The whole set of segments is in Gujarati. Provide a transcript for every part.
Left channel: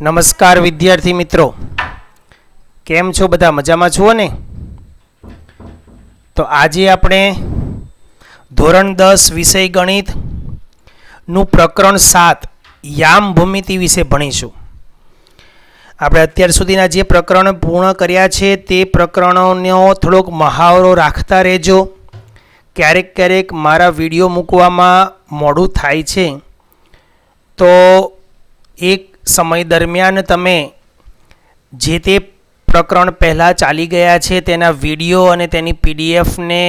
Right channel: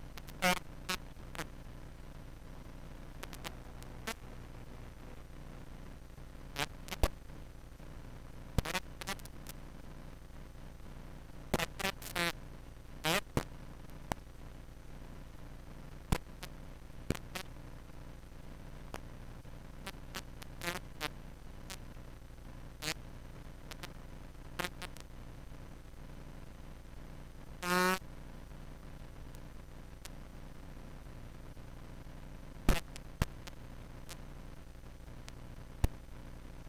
નમસ્કાર વિદ્યાર્થી મિત્રો, કેમ છો? બધા મજામાં છો ને? તો આજે આપણે ધોરણ 10 વિષય ગણિત નું પ્રકરણ 7 યામ ભૂમિતિ વિશે ભણીશું. આપણે અત્યાર સુધીના જે પ્રકરણ પૂર્ણ કર્યા છે તે પ્રકરણોનો થોડોક મહાવરો રાખતા રહેજો. ક્યારેક ક્યારેક મારા વિડીયો મૂકવામાં મોડું થાય છે, તો એક સમય દરમિયાન તમે જે તે પ્રકરણ પહેલાં ચાલી ગયા છે તેના વિડીયો અને તેની પીડીએફને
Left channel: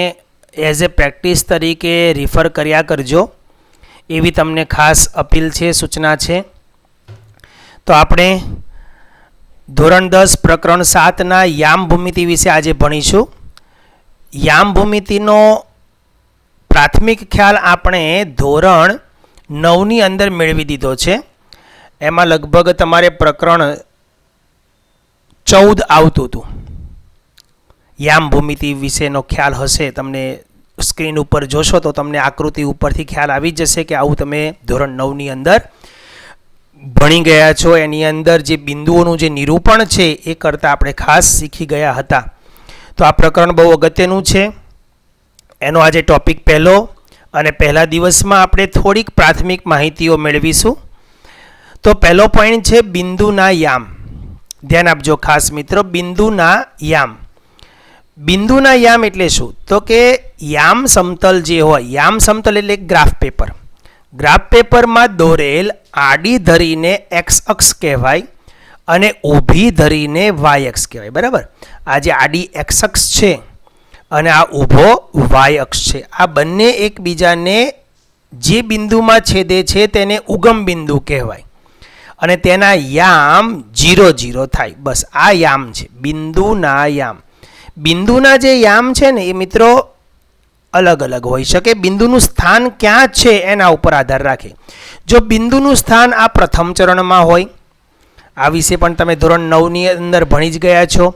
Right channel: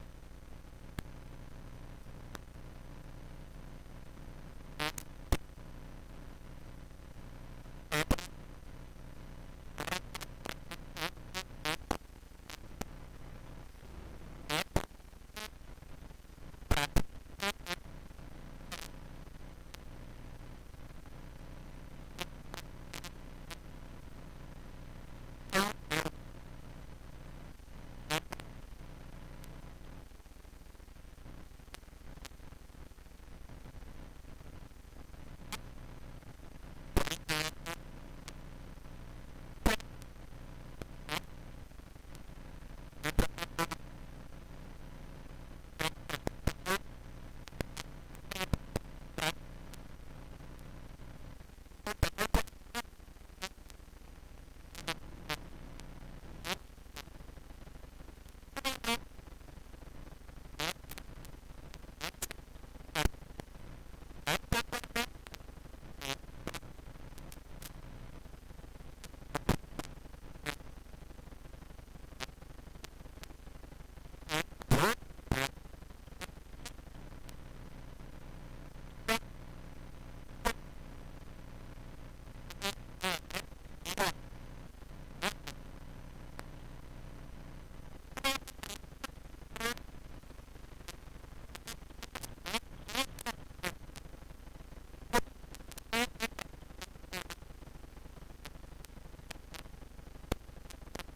એઝ એ પ્રેક્ટિસ તરીકે રિફર કર્યા કરજો, એવી તમને ખાસ અપીલ છે, સૂચના છે. તો આપણે ધોરણ 10 પ્રકરણ 7ના યામ ભૂમિતિ વિશે આજે ભણીશું. યામ ભૂમિતિનો પ્રાથમિક ખ્યાલ આપણે ધોરણ 9ની અંદર મેળવી દીધો છે. એમાં લગભગ તમારે પ્રકરણ 14 આવતું હતું. યામ ભૂમિતિ વિશેનો ખ્યાલ હશે, તમને સ્ક્રીન ઉપર જોશો તો તમને આકૃતિ ઉપરથી ખ્યાલ આવી જશે કે આવું તમે ધોરણ 9ની અંદર ભણી ગયા છો. એની અંદર જે બિંદુઓનું જે નિરૂપણ છે એ કરતાં આપણે ખાસ શીખી ગયા હતા. તો આ પ્રકરણ બહુ અગત્યનું છે. એનો આજે ટોપિક પહેલો, અને પહેલા દિવસમાં આપણે થોડીક પ્રાથમિક માહિતીઓ મેળવીશું. તો પહેલો પોઈન્ટ છે બિંદુના યામ. ધ્યાન આપજો ખાસ મિત્રો, બિંદુના યામ. બિંદુના યામ એટલે શું? તો કે યામ સમતલ જે હોય, યામ સમતલ એટલે ગ્રાફ પેપર. ગ્રાફ પેપરમાં દોરેલ આડી ધરીને એક્સ અક્ષ કહેવાય અને ઊભી ધરીને વાય અક્ષ કહેવાય. બરાબર, આ જે આડી એક્સ અક્ષ છે અને આ ઊભો વાય અક્ષ છે, આ બંને એકબીજાને જે બિંદુમાં છેદે છે તેને ઉગમ બિંદુ કહેવાય અને તેના યામ 0, 0 થાય. બસ આ યામ છે બિંદુના યામ. બિંદુના જે યામ છે ને એ મિત્રો અલગ અલગ હોઈ શકે. બિંદુનું સ્થાન ક્યાં છે એના ઉપર આધાર રાખે. જો બિંદુનું સ્થાન આ પ્રથમ ચરણમાં હોય, આ વિશે પણ તમે ધોરણ 9ની અંદર ભણી જ ગયા છો.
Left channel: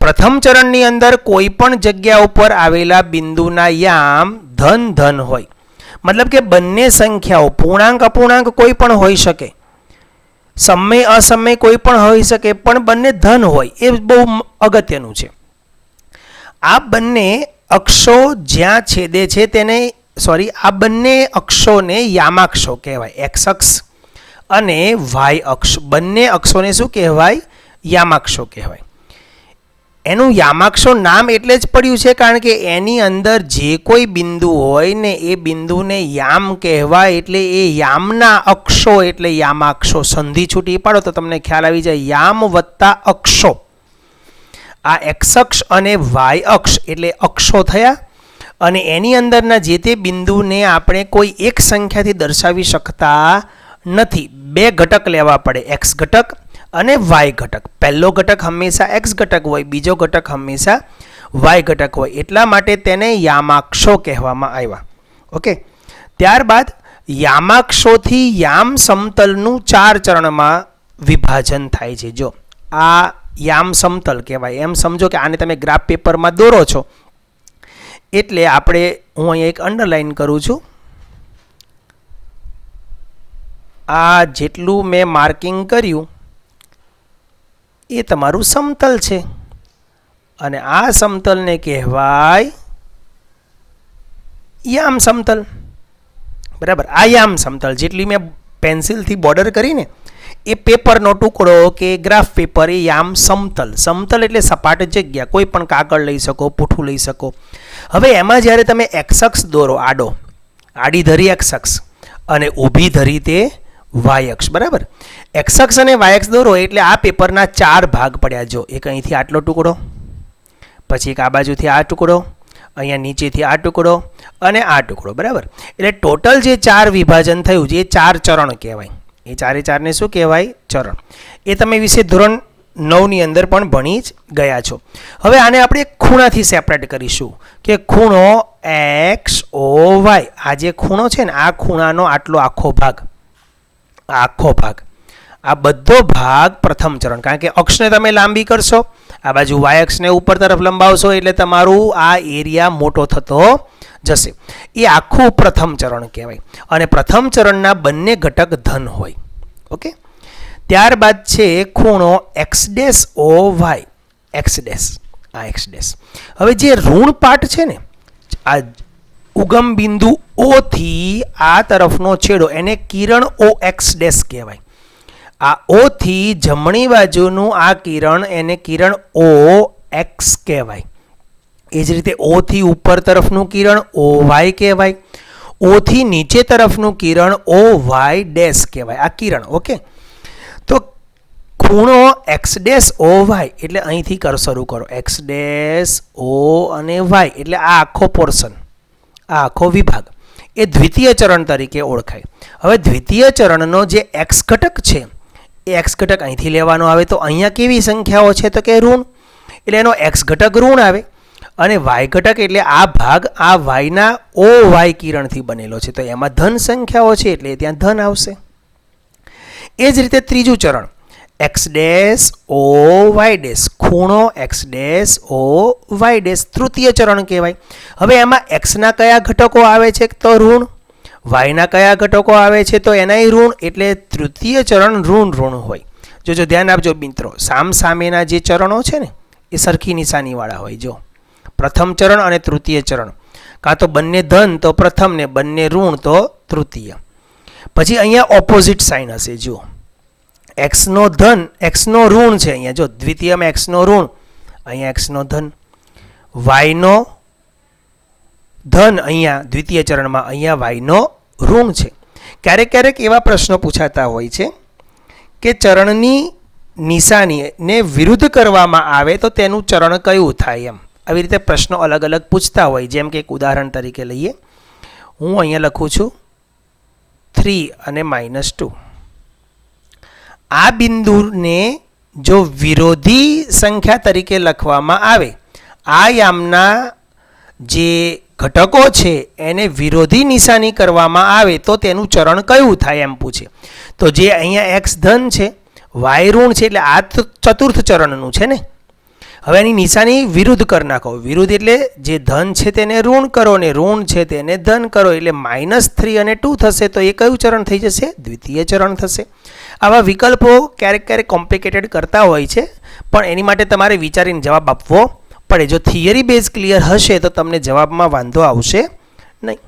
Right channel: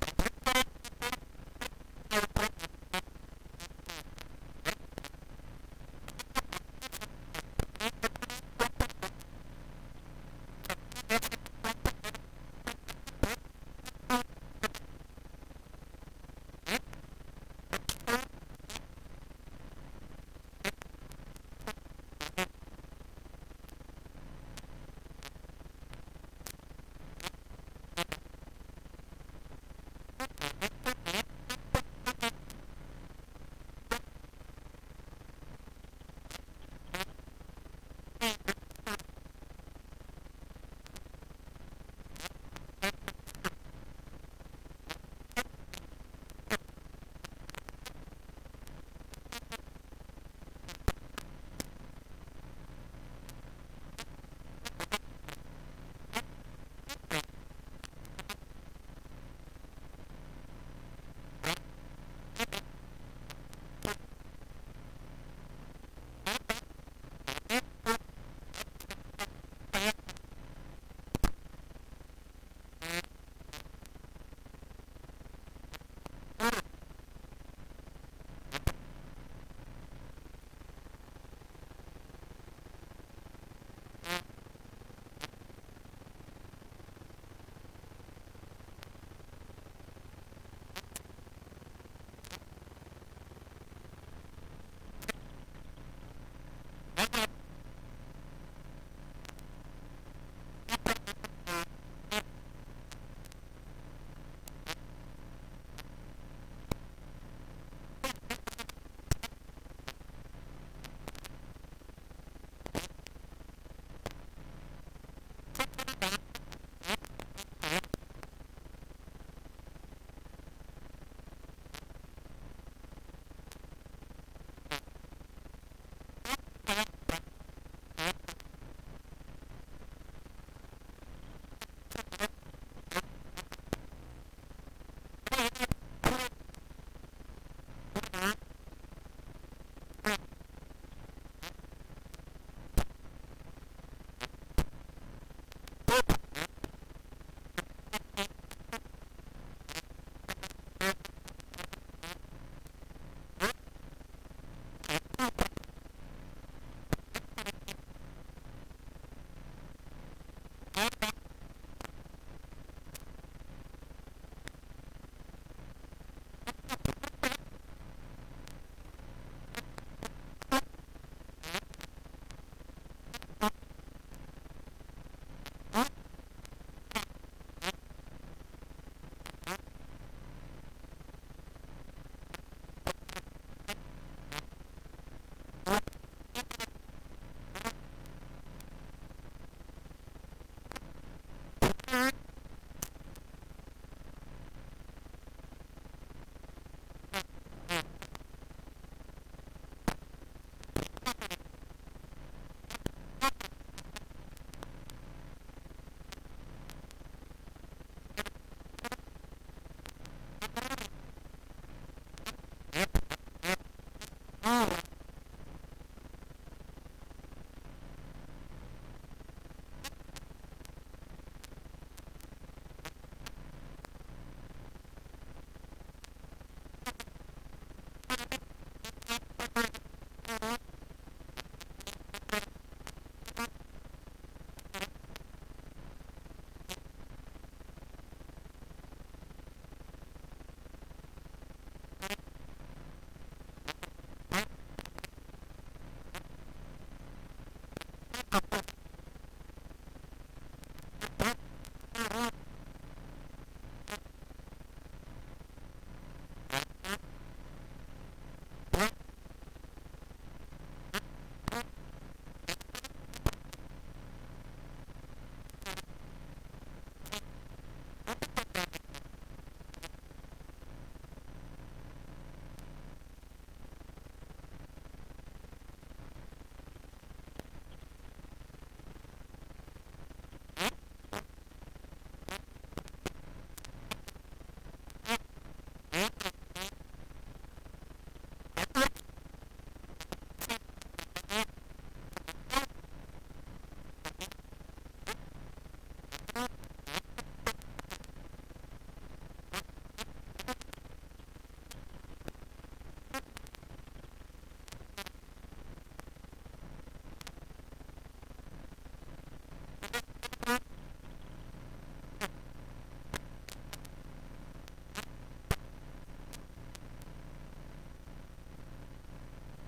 પ્રથમ ચરણની અંદર કોઈ પણ જગ્યા ઉપર આવેલા બિંદુના યામ ધન ધન હોય, મતલબ કે બંને સંખ્યાઓ પૂર્ણાંક અપૂર્ણાંક કોઈ પણ હોઈ શકે, સમય અસમય કોઈ પણ હોઈ શકે, પણ બંને ધન હોય, એ બહુ અગત્યનું છે. આ બંને અક્ષો જ્યાં છેદે છે તેને આ બંને અક્ષોને યામાક્ષો કહેવાય. એક્સ અક્ષ અને વાય અક્ષ, બંને અક્ષોને શું કહેવાય? યામાક્ષો કહેવાય. એનું યામાક્ષો નામ એટલે જ પડ્યું છે કારણ કે એની અંદર જે કોઈ બિંદુ હોય ને એ બિંદુને યામ કહેવાય. એટલે એ યામના અક્ષો એટલે યામાક્ષો. સંધિ છૂટી પાડો તો તમને ખ્યાલ આવી જાય, યામ વત્તા અક્ષો. આ એક્સ અક્ષ અને વાય અક્ષ એટલે અક્ષો થયા, અને એની અંદરના જે તે બિંદુને આપણે કોઈ એક સંખ્યાથી દર્શાવી શકતા નથી. બે ઘટક લેવા પડે, એક્સ ઘટક અને વાય ઘટક. પહેલો ઘટક હંમેશા એક્સ ઘટક હોય, બીજો ઘટક હંમેશા વાય ઘટક હોય. એટલા માટે તેને યામાક્ષો કહેવામાં આવ્યા. ઓકે, ત્યારબાદ યામાક્ષોથી યામ સમતલનું 4 ચરણમાં વિભાજન થાય છે. જો આ યામ સમતલ કહેવાય. એમ સમજો કે આને તમે ગ્રાફ પેપરમાં દોરો છો, એટલે આપણે, હું અહીંયા એક અંડરલાઈન કરું છું, આ જેટલું મેં માર્કિંગ કર્યું એ તમારું સમતલ છે, અને આ સમતલને કહેવાય યામ સમતલ. બરાબર, આ યામ સમતલ જેટલી મેં પેન્સિલથી બોર્ડર કરીને એ પેપરનો ટુકડો કે ગ્રાફ પેપર, એ યામ સમતલ. સમતલ એટલે સપાટ જગ્યા, કોઈ પણ કાગળ લઈ શકો, પૂઠું લઈ શકો. હવે એમાં જ્યારે તમે એક્સ અક્ષ દોરો, આડી ધરી એક્સ અક્ષ અને ઊભી ધરી તે વાય અક્ષ. બરાબર, એક્સ અક્ષ અને વાય અક્ષ દોરો એટલે આ પેપરના 4 ભાગ પડ્યા. જો એક અહીંથી આટલો ટુકડો, પછી એક આ બાજુથી આ ટુકડો, અહીંયા નીચેથી આ ટુકડો અને આ ટુકડો. બરાબર, એટલે ટોટલ જે 4 વિભાજન થયું છે એ 4 ચરણ કહેવાય. એ 4ને શું કહેવાય? ચરણ. એ તમે વિશે ધોરણ 9ની અંદર પણ ભણી જ ગયા છો. હવે આને આપણે ખૂણાથી સેપરેટ કરીશું કે ખૂણો એક્સ ઓ વાય. આ જે ખૂણો છે ને, આ ખૂણાનો આટલો આખો ભાગ, આ બધો ભાગ પ્રથમ ચરણ. કારણ કે અક્ષને તમે લાંબી કરશો, આ બાજુ વાય અક્ષને ઉપર તરફ લંબાવશો એટલે તમારું આ એરિયા મોટો થતો જશે. એ આખું પ્રથમ ચરણ કહેવાય. અને પ્રથમ ચરણના બંને ઘટક ધન હોય. ઓકે, ત્યારબાદ છે ખૂણો X dash O Y, X dash, આ એક્સ ડેશ. હવે જે ઋણ પાર્ટ છે ને, આ ઉગમ બિંદુ ઓ થી આ તરફનો છેડો એને કિરણ ઓ એક્સ ડેશ કહેવાય. આ ઓ થી જમણી બાજુનું આ કિરણ એને કિરણ ઓ એક્સ કહેવાય. એ જ રીતે ઓ થી ઉપર તરફનું કિરણ ઓ વાય કહેવાય. ઓ થી નીચે તરફનું કિરણ ઓ વાય ડેશ કહેવાય. આ કિરણ, ઓકે. તો ખૂણો એક્સ ડેશ ઓ વાય એટલે અહીંથી શરૂ કરો, એક્સ ડેશ ઓ અને વાય એટલે આ આખો પોર્શન, આ આખો વિભાગ એ દ્વિતીય ચરણ તરીકે ઓળખાય. હવે દ્વિતીય ચરણનો જે એક્સ ઘટક છે એ એક્સ ઘટક અહીંથી લેવાનો આવે. તો અહીંયા કેવી સંખ્યાઓ છે તો કે ઋણ, એટલે એનો એક્સ ઘટક ઋણ આવે. અને વાય ઘટક એટલે આ ભાગ આ વાયના ઓ વાય કિરણથી બનેલો છે, તો એમાં ધન સંખ્યાઓ છે એટલે ત્યાં ધન આવશે. એ જ રીતે ત્રીજું ચરણ X dash O Y dash, ખૂણો X dash O Y dash તૃતીય ચરણ કહેવાય. હવે એમાં એક્સના કયા ઘટકો આવે છે તો ઋણ, વાયના કયા ઘટકો આવે છે તો એનાય ઋણ, એટલે તૃતીય ચરણ ઋણ ઋણ હોય. જો ધ્યાન આપજો મિત્રો, સામ સામેના જે ચરણો છે ને એ સરખી નિશાનીવાળા હોય. જો પ્રથમ ચરણ અને તૃતીય ચરણ, કાં તો બંને ધન તો પ્રથમ ને બંને ઋણ તો તૃતીય. પછી અહીંયા ઓપોઝિટ સાઇન હશે. જુઓ એક્સનો ધન એક્સનો ઋણ છે અહીંયા, જો દ્વિતીયમાં એક્સનો ઋણ, અહીંયા એક્સનો ધન, વાયનો ધન અહીંયા દ્વિતીય ચરણમાં, અહીંયા વાયનો ઋણ છે. ક્યારેક ક્યારેક એવા પ્રશ્નો પૂછાતા હોય છે કે ચરણની નિશાનીને વિરુદ્ધ કરવામાં આવે તો તેનું ચરણ કયું થાય એમ. આવી રીતે પ્રશ્નો અલગ અલગ પૂછતા હોય. જેમ કે એક ઉદાહરણ તરીકે લઈએ, હું અહીંયા લખું છું 3 અને -2. આ બિંદુને જો વિરોધી સંખ્યા તરીકે લખવામાં આવે, આ યામના જે ઘટકો છે એને વિરોધી નિશાની કરવામાં આવે તો તેનું ચરણ કયું થાય એમ પૂછે. તો જે અહીંયા એક્સ ધન છે, વાય ઋણ છે, એટલે આ ચતુર્થ ચરણનું છે ને. હવે એની નિશાની વિરુદ્ધ કરી નાખો. વિરુદ્ધ એટલે જે ધન છે તેને ઋણ કરો ને ઋણ છે તેને ધન કરો, એટલે -3 અને 2 થશે. તો એ કયું ચરણ થઈ જશે? દ્વિતીય ચરણ થશે. આવા વિકલ્પો ક્યારેક ક્યારેક કોમ્પ્લિકેટેડ કરતા હોય છે, પણ એની માટે તમારે વિચારીને જવાબ આપવો પડે. જો થિયરી બેઝ ક્લિયર હશે તો તમને જવાબમાં વાંધો આવશે નહીં.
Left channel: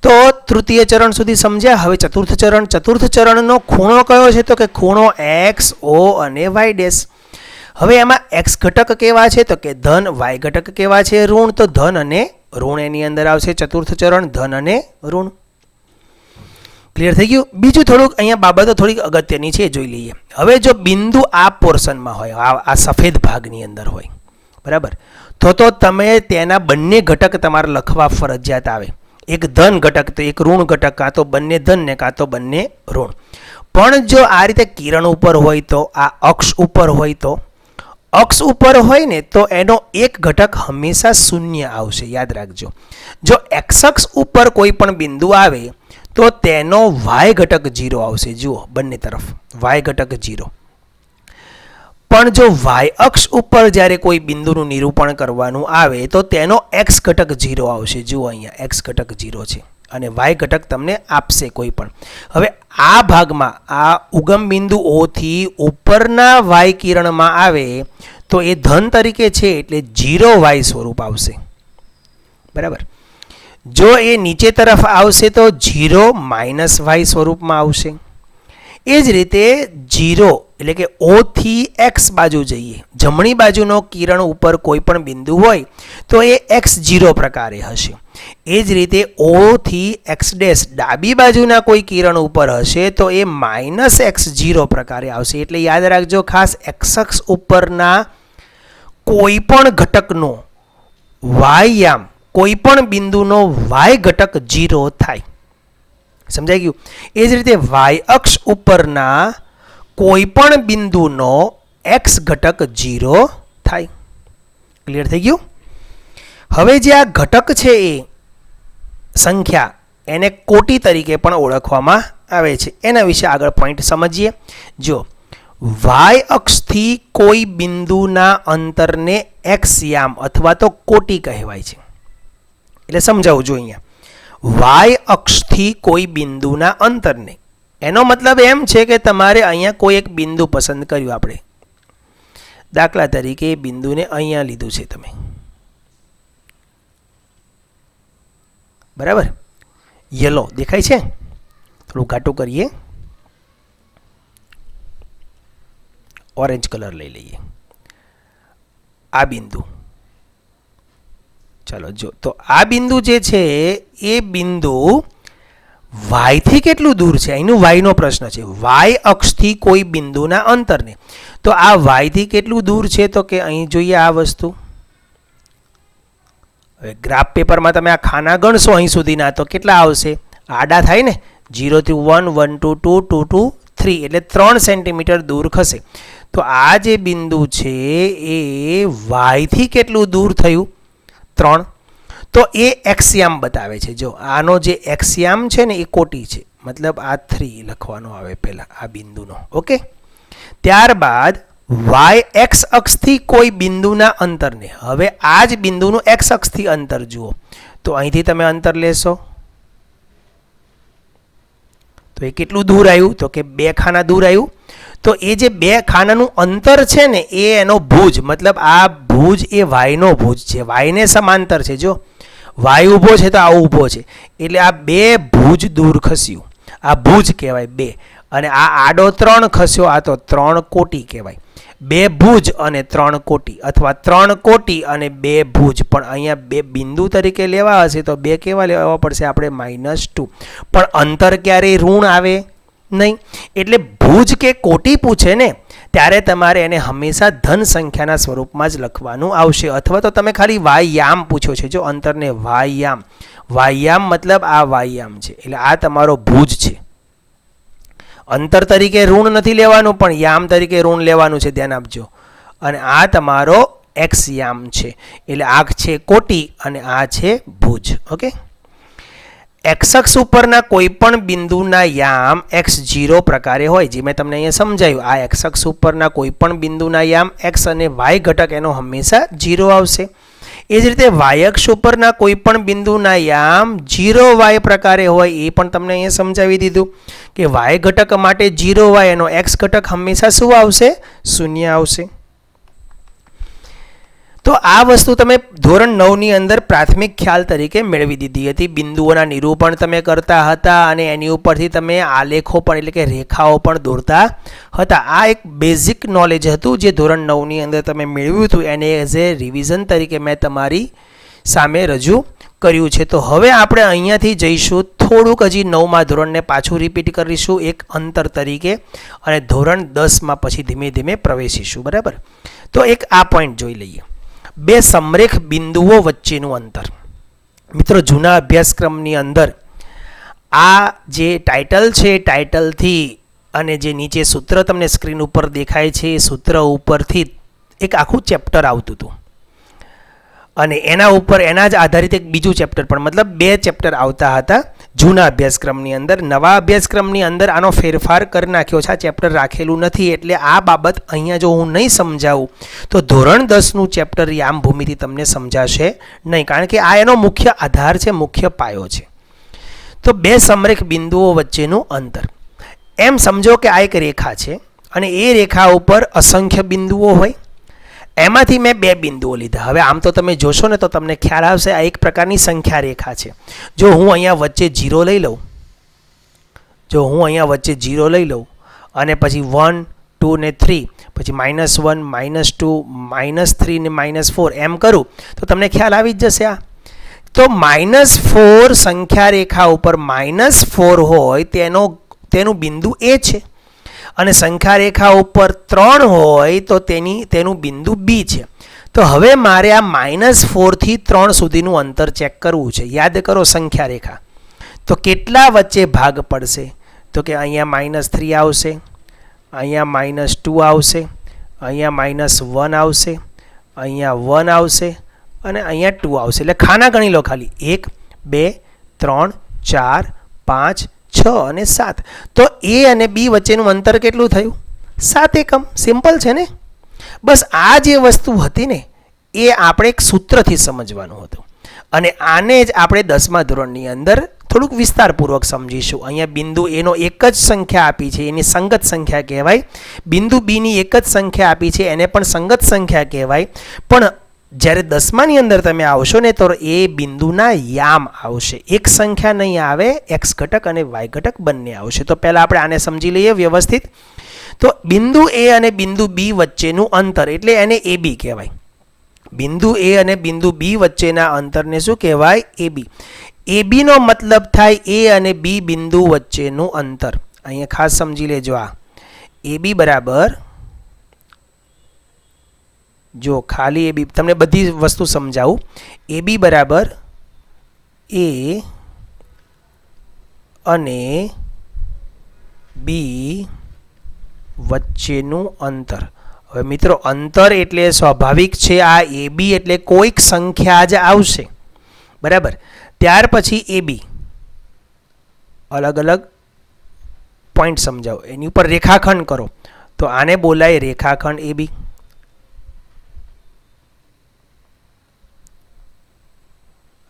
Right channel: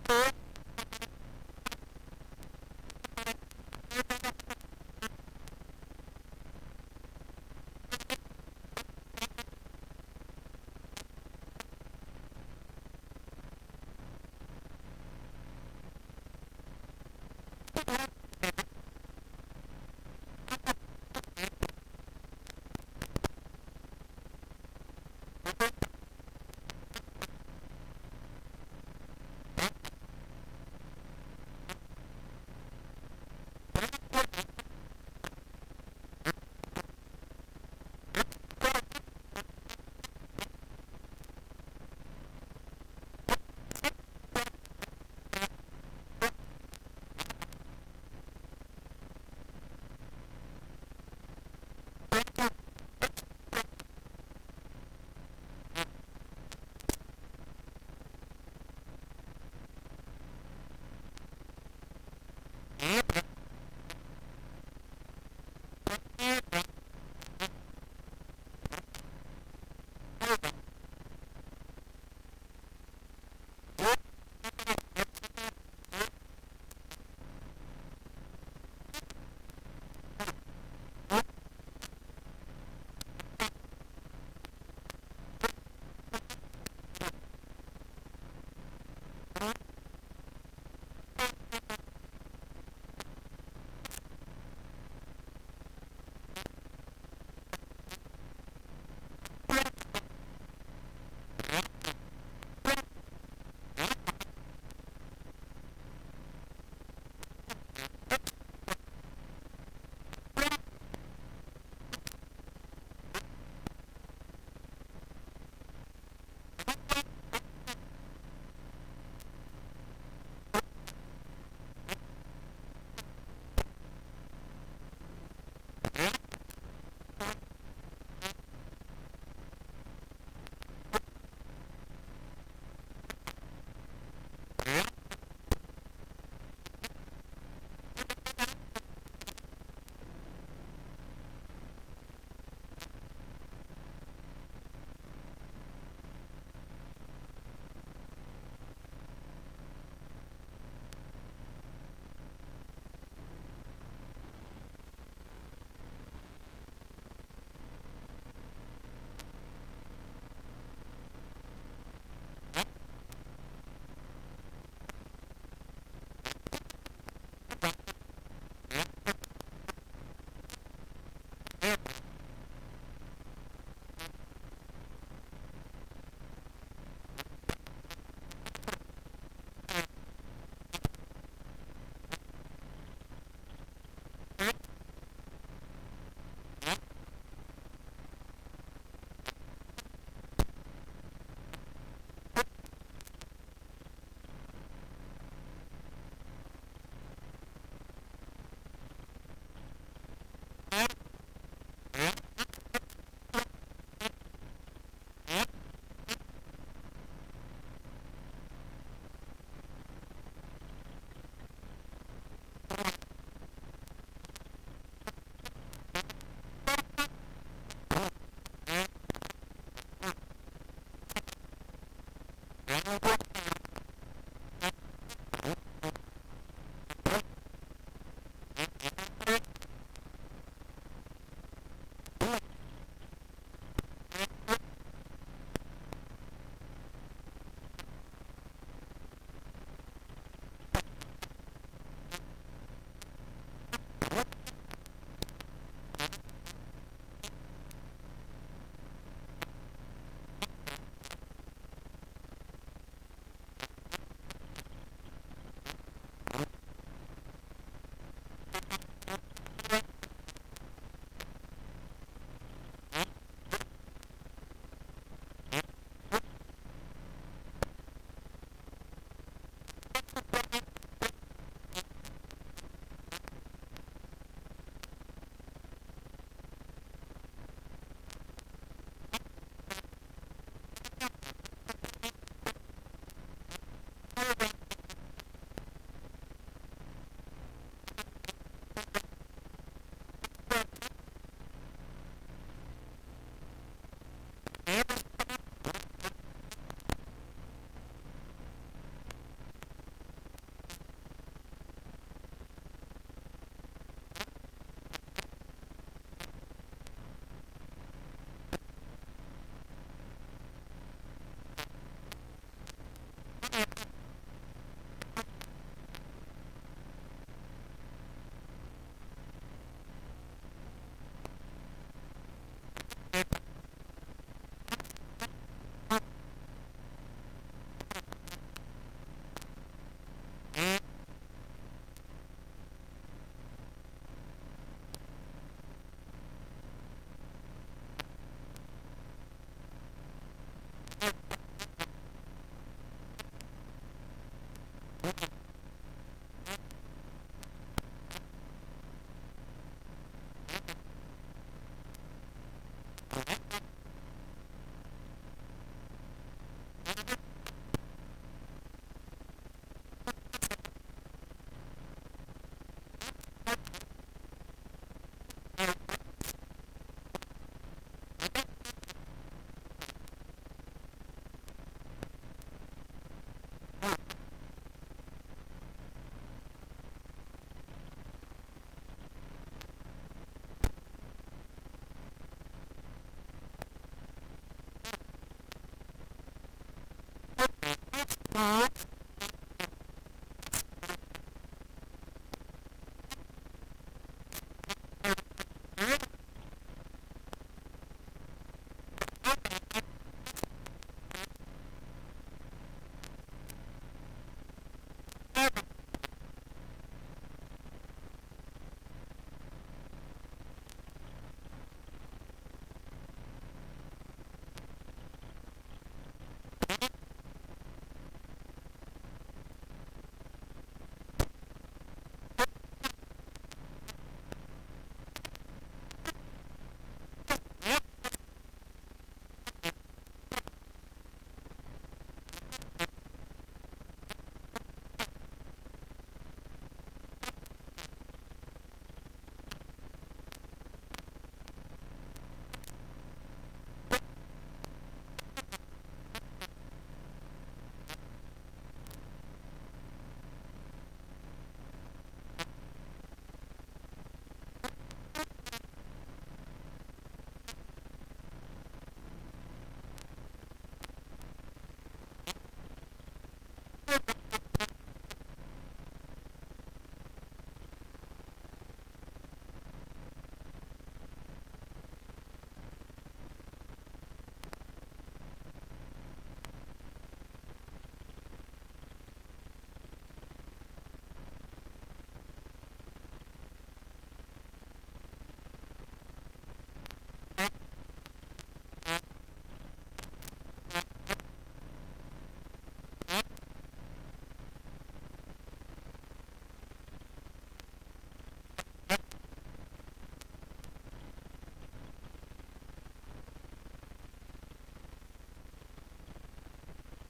તો તૃતીય ચરણ સુધી સમજ્યા. હવે ચતુર્થ ચરણ. ચતુર્થ ચરણનો ખૂણો કયો છે તો કે ખૂણો એક્સ ઓ અને વાય ડેશ. હવે એમાં એક્સ ઘટક કેવા છે તો કે ધન, વાય ઘટક કેવા છે ઋણ. તો ધન અને ઋણ એની અંદર આવશે. ચતુર્થ ચરણ ધન અને ઋણ. ક્લિયર થઈ ગયું? બીજું થોડુંક અહીંયા બાબતો થોડીક અગત્યની છે, જોઈ લઈએ. હવે જો બિંદુ આ પોર્શનમાં હોય, આ સફેદ ભાગની અંદર હોય, બરાબર, તો તમે તેના બંને ઘટક તમારે લખવા ફરજિયાત આવે. એક ધન ઘટક તો એક ઋણ ઘટક, કાં તો બંને ધન ને કાં તો બંને ઋણ. પણ જો આ રીતે કિરણ ઉપર હોય તો, આ અક્ષ ઉપર હોય તો, અક્ષ ઉપર હોય ને તો એનો એક ઘટક હંમેશા શૂન્ય આવશે. યાદ રાખજો. જો એક્સ અક્ષ ઉપર કોઈ પણ બિંદુ આવે તો તેનો વાય ઘટક 0 આવશે. જુઓ બંને તરફ વાય ઘટક 0. પણ જો વાય અક્ષ ઉપર જ્યારે કોઈ બિંદુનું નિરૂપણ કરવાનું આવે તો તેનો એક્સ ઘટક 0 આવશે. જુઓ અહીંયા એક્સ ઘટક 0 છે અને વાય ઘટક તમને આપશે કોઈ પણ. હવે આ ભાગમાં આ ઉગમ બિંદુ O થી ઉપરના વાય કિરણમાં આવે તો એ ધન તરીકે છે એટલે 0 વાય સ્વરૂપ આવશે. બરાબર. જો એ નીચે તરફ આવશે તો 0 માઇનસ વાય સ્વરૂપમાં આવશે. એ જ રીતે 0 એટલે કે O થી એક્સ બાજુ જઈએ, જમણી બાજુનો કિરણ ઉપર કોઈ પણ બિંદુ હોય તો એ x0 પ્રકારે હશે. એ જ રીતે O થી એક્સ ડેશ ડાબી બાજુના કોઈ કિરણ ઉપર હશે તો એ -x0 પ્રકારે આવશે. એટલે યાદ રાખજો ખાસ, એક્સ અક્ષ ઉપરના કોઈ પણ ઘટકનો વાય કોઈ પણ બિંદુનો વાય ઘટક 0 થાય. સમજાઈ ગયું? એ જ રીતે વાય અક્ષ ઉપરના કોઈ પણ બિંદુનો એક્સ ઘટક 0 થાય. ક્લિયર થઈ ગયું? હવે જે આ ઘટક છે એ સંખ્યા એને કોટી તરીકે પણ ઓળખવામાં આવે છે. એના વિશે આગળ પોઈન્ટ સમજીએ. જો વાય અક્ષથી કોઈ બિંદુના અંતરને એક્સ યામ અથવા તો કોટી કહેવાય છે. એટલે સમજાવું જો અહીંયા વાય અક્ષથી કોઈ બિંદુના અંતરને એનો મતલબ એમ છે કે તમારે અહીંયા કોઈ એક બિંદુ પસંદ કર્યું. આપણે દાખલા તરીકે એ બિંદુને અહીંયા લીધું છે તમે, બરાબર. યલો દેખાય છે, થોડું ઘાટું કરીએ, ઓરેન્જ કલર લઈ લઈએ. આ બિંદુ, ચાલો જો, તો આ બિંદુ જે છે એ બિંદુ વાય થી કેટલું દૂર છે, અહીંનું વાયનો પ્રશ્ન છે. વાય અક્ષથી કોઈ બિંદુના અંતરને, તો આ વાય થી કેટલું દૂર છે, તો કે અહીં જોઈએ આ વસ્તુ. હવે ગ્રાફ પેપરમાં તમે આ ખાના ગણશો અહીં સુધીના, તો કેટલા આવશે? આડા થાય ને, 0 થી 1, 1 to 2, 2 to 3, એટલે 3 સેન્ટીમીટર દૂર ખસે. તો આ જે બિંદુ છે એ વાય થી કેટલું દૂર થયું? 3. તો એ એક્સયામ બતાવે છે. જો આનો જે એક્સયામ છે ને એ કોટી છે, મતલબ આ 3 લખવાનો આવે પહેલાં આ બિંદુનો. ઓકે, ત્યારબાદ વાય એક્સ અક્ષથી કોઈ બિંદુના અંતરને, હવે આ જ બિંદુનું એક્સ અક્ષથી અંતર જુઓ. તો અહીંથી તમે અંતર લેશો તો એ કેટલું દૂર આવ્યું? તો કે 2 ખાના દૂર આવ્યું. તો એ જે 2 ખાનાનું અંતર છે ને એ એનો ભુજ, મતલબ આ ભુજ એ વાયનો ભુજ છે, વાયને સમાંતર છે. જો વાય ઊભો છે તો આ ઊભો છે, એટલે આ 2 ભુજ દૂર ખસ્યું, આ ભુજ કહેવાય 2. અને આ આડો 3 ખસ્યો, આ તો 3 કોટી કહેવાય. 2 ભુજ અને 3 કોટી, અથવા 3 કોટી અને 2 ભુજ. પણ અહીંયા 2 બિંદુ તરીકે લેવા હશે તો 2 કેવા લેવા પડશે આપણે? -2. પણ અંતર ક્યારેય ઋણ આવે નહીં. એટલે ભુજ કે કોટી પૂછે ને ત્યારે તમારે એને હંમેશા ધન સંખ્યાના સ્વરૂપમાં જ લખવાનું આવશે. અથવા તો તમે ખાલી વાયયામ પૂછો છે, જો અંતરને વાયયામ, વાયયામ મતલબ આ વાયયામ છે, એટલે આ તમારો ભુજ છે. અંતર તરીકે ઋણ નથી લેવાનું, પણ યામ તરીકે ઋણ લેવાનું છે, ધ્યાન આપજો. અને આ તમારો એક્સ યામ છે, એટલે આ છે કોટી અને આ છે ભુજ. ઓકે, એક્સ અક્ષ ઉપરના કોઈ પણ બિંદુના યામ x0 પ્રકારે હોય, જે મેં તમને અહીંયા સમજાવ્યું. આ એક્સ અક્ષ ઉપરના કોઈ પણ બિંદુના યામ x અને y ઘટક એનો હંમેશા 0 આવશે. એ જ રીતે વાય અક્ષ ઉપરના કોઈ પણ બિંદુના યામ 0y પ્રકારે હોય, એ પણ તમને અહીંયા સમજાવી દીધું કે y ઘટક માટે 0y એનો x ઘટક હંમેશા શું આવશે? 0 આવશે. તો આ વસ્તુ તમે ધોરણ 9 ની અંદર પ્રાથમિક ખ્યાલ તરીકે મેળવી દીધી હતી. બિંદુઓના નિરૂપણ તમે કરતા હતા અને એની ઉપરથી તમે આલેખો પણ, એટલે કે રેખાઓ પણ દોરતા હતા. આ એક બેઝિક નોલેજ હતું જે ધોરણ 9 ની અંદર તમે મેળવ્યું હતું, એને એઝ એ રિવિઝન તરીકે મેં તમારી સામે રજૂ કર્યું છે. તો હવે આપણે અહીંયાથી જઈશું થોડુંક હજી 9મા ધોરણને પાછું રિપીટ કરીશું એક અંતર તરીકે, અને ધોરણ 10માં પછી ધીમે ધીમે પ્રવેશીશું. બરાબર, તો એક આ પોઈન્ટ જોઈ લઈએ. 2 સમરેખ બિંદુઓ વચ્ચેનું અંતર. મિત્રો, જૂના અભ્યાસક્રમની અંદર આ જે ટાઇટલ છે, ટાઇટલથી અને જે નીચે સૂત્ર તમને સ્ક્રીન ઉપર દેખાય છે એ સૂત્ર ઉપરથી એક આખું ચેપ્ટર આવતું હતું, અને એના ઉપર એના જ આધારિત એક બીજું ચેપ્ટર પણ, મતલબ 2 ચેપ્ટર આવતા હતા જૂના અભ્યાસક્રમની અંદર. નવા અભ્યાસક્રમની અંદર આનો ફેરફાર કરી નાખ્યો છે, આ ચેપ્ટર રાખેલું નથી. એટલે આ બાબત અહીંયા જો હું નહીં સમજાવું તો ધોરણ 10નું ચેપ્ટર યામ ભૂમિતિ તમને સમજાશે નહીં, કારણ કે આ એનો મુખ્ય આધાર છે, મુખ્ય પાયો છે. તો 2 સમરેખ બિંદુઓ વચ્ચેનું અંતર, એમ સમજો કે આ એક રેખા છે અને એ રેખા ઉપર અસંખ્ય બિંદુઓ હોય. એમાંથી મેં 2 બિંદુઓ લીધા. હવે આમ તો તમે જોશો ને તો તમને ખ્યાલ આવશે આ એક પ્રકારની સંખ્યા રેખા છે. જો હું અહીંયા વચ્ચે 0 લઈ લઉં, અને પછી 1, 2 ને 3, પછી -1, -2, -3 ને -4 એમ કરું તો તમને ખ્યાલ આવી જ જશે. આ તો -4 સંખ્યા રેખા ઉપર -4 હોય તેનું બિંદુ એ છે, અને સંખ્યા રેખા ઉપર 3 હોય તો તેનું બિંદુ બી છે. તો હવે મારે આ -4 થી 3 સુધીનું અંતર ચેક કરવું છે. યાદ કરો સંખ્યા રેખા, તો કેટલા વચ્ચે ભાગ પડશે? તો કે અહીંયા -3 આવશે, અહીંયા -2 આવશે, અહીંયા -1 આવશે, અહીંયા 1 આવશે અને અહીંયા 2 આવશે. એટલે ખાના ગણી લો ખાલી, 1, 2, 3, 4, 5, 6 અને 7. તો એ અને બી વચ્ચેનું અંતર કેટલું થયું? 7 એકમ. સિમ્પલ છે ને? બસ આ જે વસ્તુ હતી ને એ આપણે એક સૂત્રથી સમજવાનું હતું. અને આને જ આપણે 10મા ધોરણની અંદર થોડુંક વિસ્તારપૂર્વક સમજીશું. અહીંયા બિંદુ એનો એક જ સંખ્યા આપી છે, એની સંગત સંખ્યા કહેવાય. બિંદુ બીની એક જ સંખ્યા આપી છે, એને પણ સંગત સંખ્યા કહેવાય. પણ જ્યારે 10માની અંદર તમે આવશો ને તો એ બિંદુના યામ આવશે, એક સંખ્યા નહીં આવે, એક્સ ઘટક અને વાય ઘટક બંને આવશે. તો પહેલાં આપણે આને સમજી લઈએ વ્યવસ્થિત. તો બિંદુ એ અને બિંદુ બી વચ્ચેનું અંતર એટલે એને એ બી કહેવાય. બિંદુ એ અને બિંદુ બી વચ્ચેના અંતરને શું કહેવાય? એ બી. એ બીનો મતલબ થાય એ અને બી બિંદુ વચ્ચેનું અંતર. અહીંયા ખાસ સમજી લેજો, આ એ બી બરાબર, જો ખાલી એ બી, તમને બધી વસ્તુ સમજાવું. એ બી બરાબર એ અને બી વચ્ચેનું અંતર. હવે મિત્રો, અંતર એટલે સ્વાભાવિક છે, આ એ બી એટલે કોઈક સંખ્યા જ આવશે, બરાબર. ત્યાર પછી એ બી અલગ અલગ પોઈન્ટ સમજાવો, એની ઉપર રેખાખંડ કરો, તો આને બોલાય રેખાખંડ એ બી.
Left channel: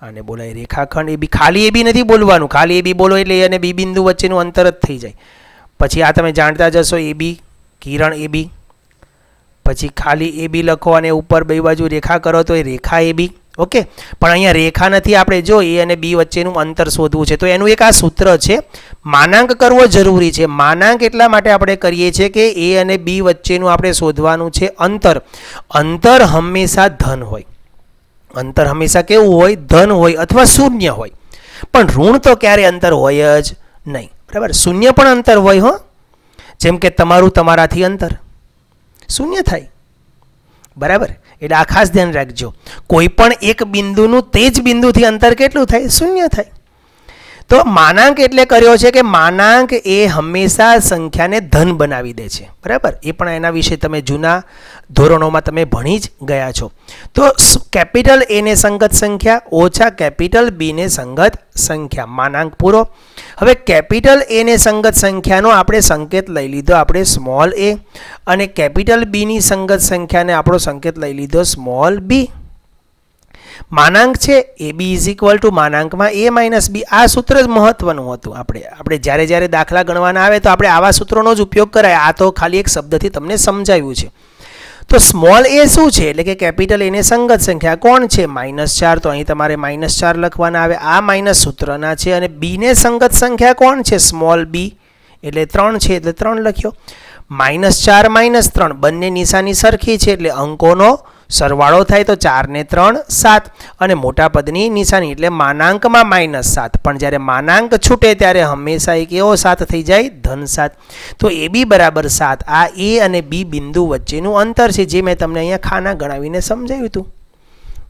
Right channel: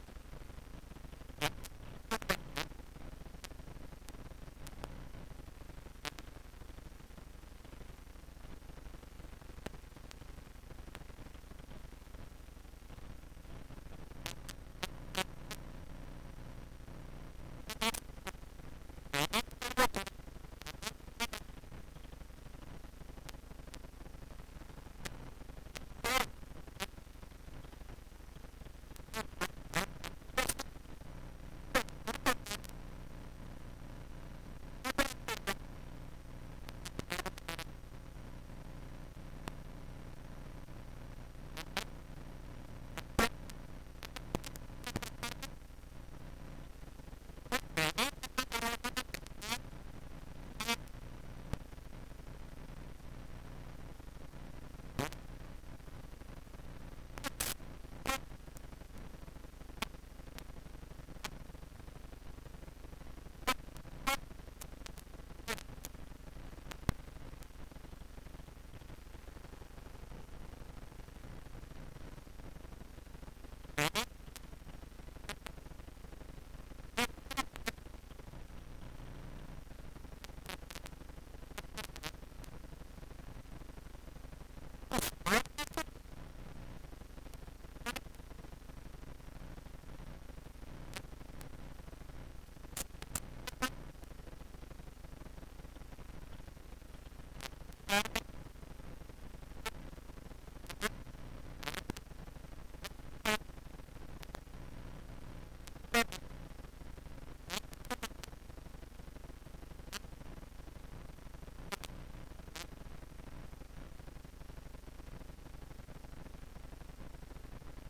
આને બોલાય રેખાખંડ એ બી. ખાલી એ બી નથી બોલવાનું, ખાલી એ બી બોલો એટલે એ અને બી બિંદુ વચ્ચેનું અંતર જ થઈ જાય. પછી આ તમે જાણતા જશો, એ બી કિરણ એ બી, પછી ખાલી એ બી લખો અને ઉપર બે બાજુ રેખા કરો તો એ રેખા એ બી. ઓકે, પણ અહીંયા રેખા નથી, આપણે જો એ અને બી વચ્ચેનું અંતર શોધવું છે તો એનું એક આ સૂત્ર છે, માનાંક કરવો જરૂરી છે. માનાંક એટલા માટે આપણે કરીએ છીએ કે એ અને બી વચ્ચેનું આપણે શોધવાનું છે અંતર. અંતર હંમેશા ધન હોય, અંતર હંમેશા કેવું હોય? ધન હોય અથવા શૂન્ય હોય. પણ ઋણ તો ક્યારે અંતર હોય જ નહીં, બરાબર. શૂન્ય પણ અંતર હોય, હો. જેમ કે તમારું તમારાથી અંતર શૂન્ય થાય, બરાબર. એટલે આ ખાસ ધ્યાન રાખજો, કોઈ પણ એક બિંદુનું તે જ બિંદુથી અંતર કેટલું થાય? શૂન્ય થાય. તો માનાંક એટલે કર્યો છે કે માનાંક એ હંમેશા સંખ્યાને ધન બનાવી દે છે, બરાબર. એ પણ એના વિશે તમે જૂના ધોરણોમાં તમે ભણી જ ગયા છો. તો કેપિટલ એને સંગત સંખ્યા ઓછા કેપિટલ બીને સંગત સંખ્યા, માનાંક પૂરો. હવે કેપિટલ એને સંગત સંખ્યાનો આપણે સંકેત લઈ લીધો, આપણે સ્મોલ એ, અને કેપિટલ બીની સંગત સંખ્યાને આપણો સંકેત લઈ લીધો સ્મોલ બી. માનાંક છે A B is equal to માનાંકમાં એ માઇનસ બી. આ સૂત્ર જ મહત્વનું હતું. આપણે જ્યારે દાખલા ગણવાના આવે તો આપણે આવા સૂત્રોનો જ ઉપયોગ કરાય. આ તો ખાલી એક શબ્દથી તમને સમજાવ્યું છે. તો સ્મોલ એ શું છે? એટલે કે કેપિટલ એને સંગત સંખ્યા કોણ છે? -4. તો અહીં તમારે -4 લખવાના આવે, આ માઇનસ સૂત્રના છે. અને બીને સંગત સંખ્યા કોણ છે? સ્મોલ બી, એટલે 3 છે, એટલે 3 લખ્યો. -4 -3 બંને નિશાની સરખી છે, એટલે અંકોનો સરવાળો થાય તો 4 ને 3 7, અને મોટા પદની નિશાની એટલે માનાંકમાં -7. પણ જ્યારે માનાંક છૂટે ત્યારે હંમેશા એક એવો 7 થઈ જાય, ધન 7. તો એ બી બરાબર 7. આ એ અને બી બિંદુ વચ્ચેનું અંતર છે, જે મેં તમને અહીંયા ખાના ગણાવીને સમજાવ્યું હતું,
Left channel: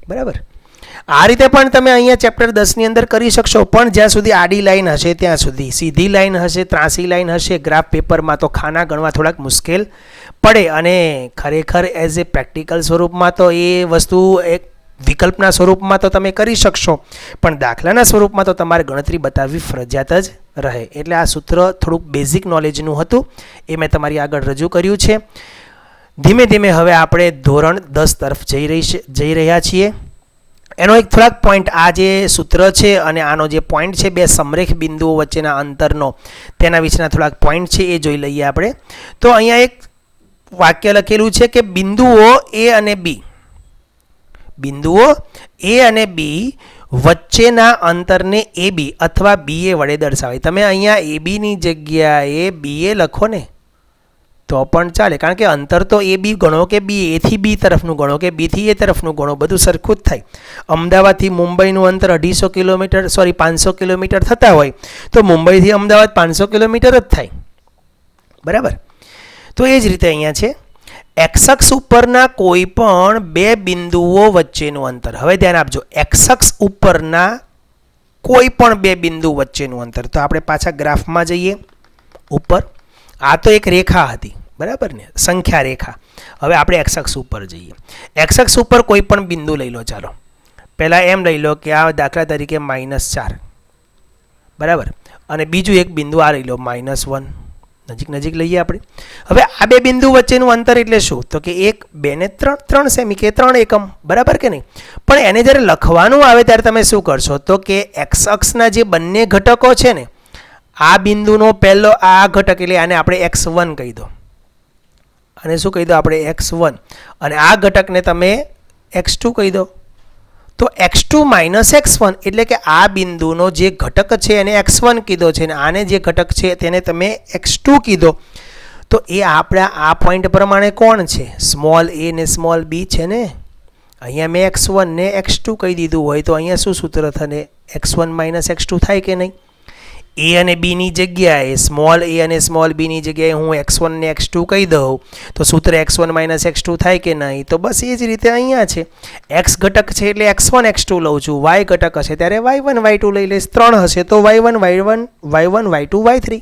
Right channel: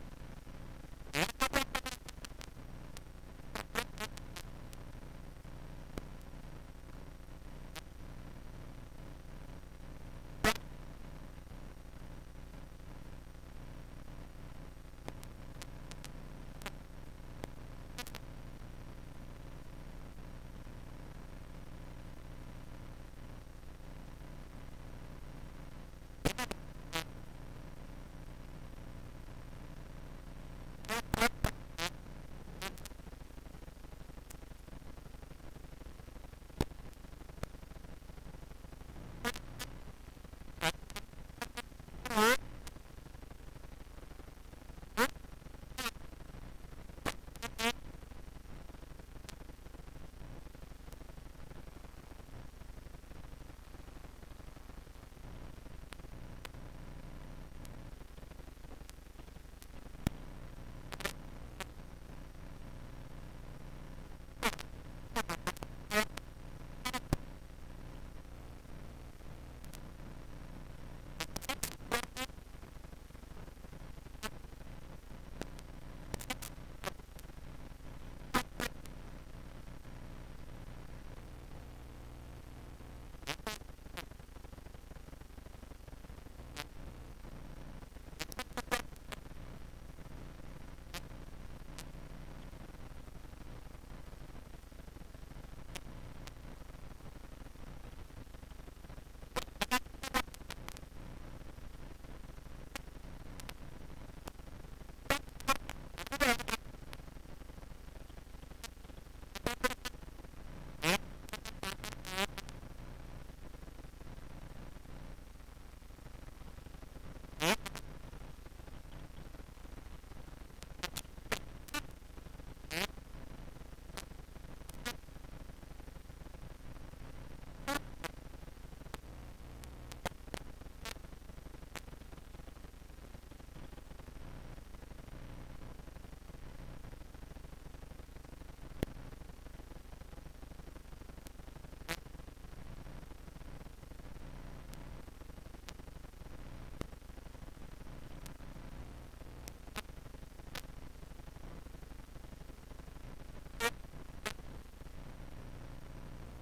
બરાબર. આ રીતે પણ તમે અહીંયા ચેપ્ટર 10ની અંદર કરી શકશો, પણ જ્યાં સુધી આડી લાઈન હશે ત્યાં સુધી. સીધી લાઈન હશે, ત્રાસી લાઈન હશે ગ્રાફ પેપરમાં તો ખાના ગણવા થોડાક મુશ્કેલ પડે. અને ખરેખર એઝ એ પ્રેક્ટિકલ સ્વરૂપમાં તો એ વસ્તુ એક વિકલ્પના સ્વરૂપમાં તો તમે કરી શકશો, પણ દાખલાના સ્વરૂપમાં તો તમારે ગણતરી બતાવવી ફરજિયાત જ રહે. એટલે આ સૂત્ર થોડુંક બેઝિક નોલેજનું હતું, એ મેં તમારી આગળ રજૂ કર્યું છે. ધીમે ધીમે હવે આપણે ધોરણ 10 તરફ જઈ રહ્યા છીએ. એનો એક થોડાક પોઈન્ટ, આ જે સૂત્ર છે અને આનો જે પોઈન્ટ છે, બે સમરેખ બિંદુઓ વચ્ચેના અંતરનો, તેના વિશેના થોડાક પોઈન્ટ છે એ જોઈ લઈએ આપણે. તો અહીંયા એક વાક્ય લખેલું છે કે બિંદુઓ એ અને બી, બિંદુઓ એ અને બી વચ્ચેના અંતરને એ બી અથવા બી એ વડે દર્શાવે. તમે અહીંયા એ બીની જગ્યાએ બી એ લખો ને તો પણ ચાલે, કારણ કે અંતર તો એ બી ગણો કે બી એથી બી તરફનું ગણો કે બીથી એ તરફનું ગણો, બધું સરખું જ થાય. અમદાવાદથી મુંબઈનું અંતર 250 કિલોમીટર 500 કિલોમીટર થતા હોય તો મુંબઈથી અમદાવાદ 500 કિલોમીટર જ થાય, બરાબર. તો એ જ રીતે અહીંયા છે એક્સ ઉપરના કોઈ પણ બે બિંદુઓ વચ્ચેનું અંતર. હવે ધ્યાન આપજો, એક્સ ઉપરના કોઈ પણ બે બિંદુ વચ્ચેનું અંતર. તો આપણે પાછા ગ્રાફમાં જઈએ ઉપર. આ તો એક રેખા હતી, બરાબર ને, સંખ્યા રેખા. હવે આપણે એક્સ ઉપર જઈએ. એક્સ ઉપર કોઈ પણ બિંદુ લઈ લો. ચાલો પહેલાં એમ લઈ લો કે આ દાખલા તરીકે -4, બરાબર. અને બીજું એક બિંદુ આ લઈ લો -1. નજીક નજીક લઈએ આપણે. હવે આ બે બિંદુ વચ્ચેનું અંતર એટલે શું? તો કે 1, 2 ને 3, 3 સેમી કે 3 એકમ, બરાબર કે નહીં? પણ એને જ્યારે લખવાનું આવે ત્યારે તમે શું કરશો? તો કે એક્સ અક્ષના જે બંને ઘટકો છે ને, આ બિંદુનો પહેલો આ ઘટક એટલે આને આપણે x1 કહી દો. આને શું કહી દો આપણે? x1. અને આ ઘટકને તમે x2 કહી દો. તો x2 માઇનસ x1 એટલે કે આ બિંદુનો જે ઘટક છે એને x1 કીધો છે, અને આને જે ઘટક છે તેને તમે x2 કીધો. તો એ આપણા આ પોઈન્ટ પ્રમાણે કોણ છે? સ્મોલ a ને સ્મોલ b છે ને. અહીંયા મેં x1 ને x2 કહી દીધું હોય તો અહીંયા શું સૂત્ર થશે? x1 માઇનસ x2 થાય કે નહીં? a અને b ની જગ્યાએ સ્મોલ a અને સ્મોલ b ની જગ્યાએ હું x1 ને x2 કહી દઉં તો સૂત્ર x1 માઇનસ x2 થાય કે નહીં? તો બસ એ જ રીતે અહીંયા છે, x ઘટક છે એટલે x1 x2 લઉં છું, y ઘટક હશે ત્યારે y1 y2 લઈ લઈશ, 3 હશે તો y1 y2 y3,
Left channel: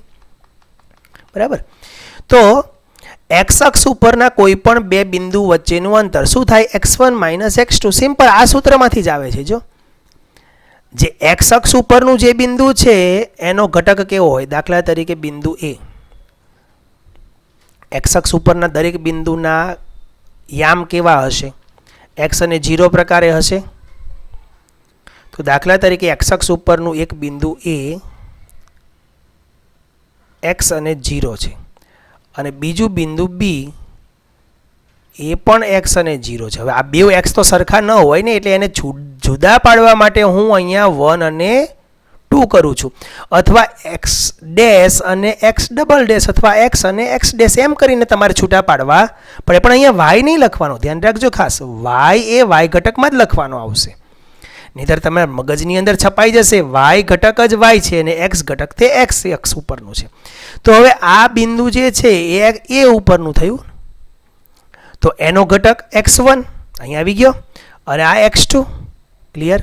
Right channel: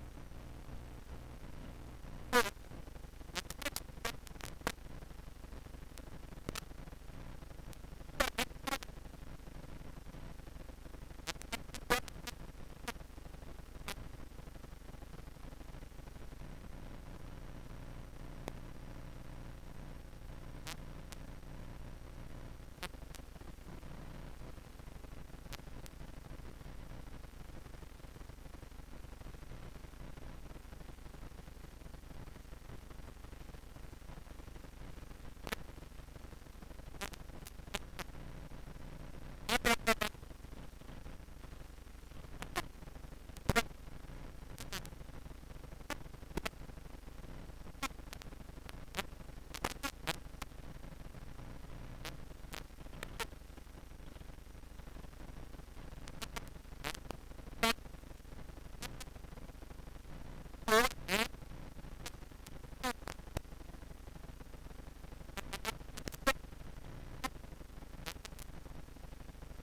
બરાબર. તો x અક્ષ ઉપરના કોઈ પણ બે બિંદુ વચ્ચેનું અંતર શું થાય? x1 minus x2. સિમ્પલ, આ સૂત્રમાંથી જ આવે છે. જો જે x અક્ષ ઉપરનું જે બિંદુ છે એનો ઘટક કેવો હોય? દાખલા તરીકે બિંદુ a. x અક્ષ ઉપરના દરેક બિંદુના યામ કેવા હશે? x અને 0 પ્રકારે હશે. તો દાખલા તરીકે x અક્ષ ઉપરનું એક બિંદુ a x અને 0 છે, અને બીજું બિંદુ b એ પણ x અને 0 છે. હવે આ બે x તો સરખા ન હોય ને, એટલે એને જુદા પાડવા માટે હું અહીંયા 1 અને 2 કરું છું, અથવા x ડેશ અને x ડબલ ડેશ, અથવા x અને x ડેશ એમ કરીને તમારે છૂટા પાડવા પડે. પણ અહીંયા y નહીં લખવાનો, ધ્યાન રાખજો ખાસ. y એ y ઘટકમાં જ લખવાનો આવશે, નહીંતર તમારા મગજની અંદર છપાઈ જશે y ઘટક જ y છે અને x ઘટક તે x અક્ષ ઉપરનું છે. તો હવે આ બિંદુ જે છે એ ઉપરનું થયું, તો એનો ઘટક x1 અહીંયા આવી ગયો અને આ x2. ક્લિયર?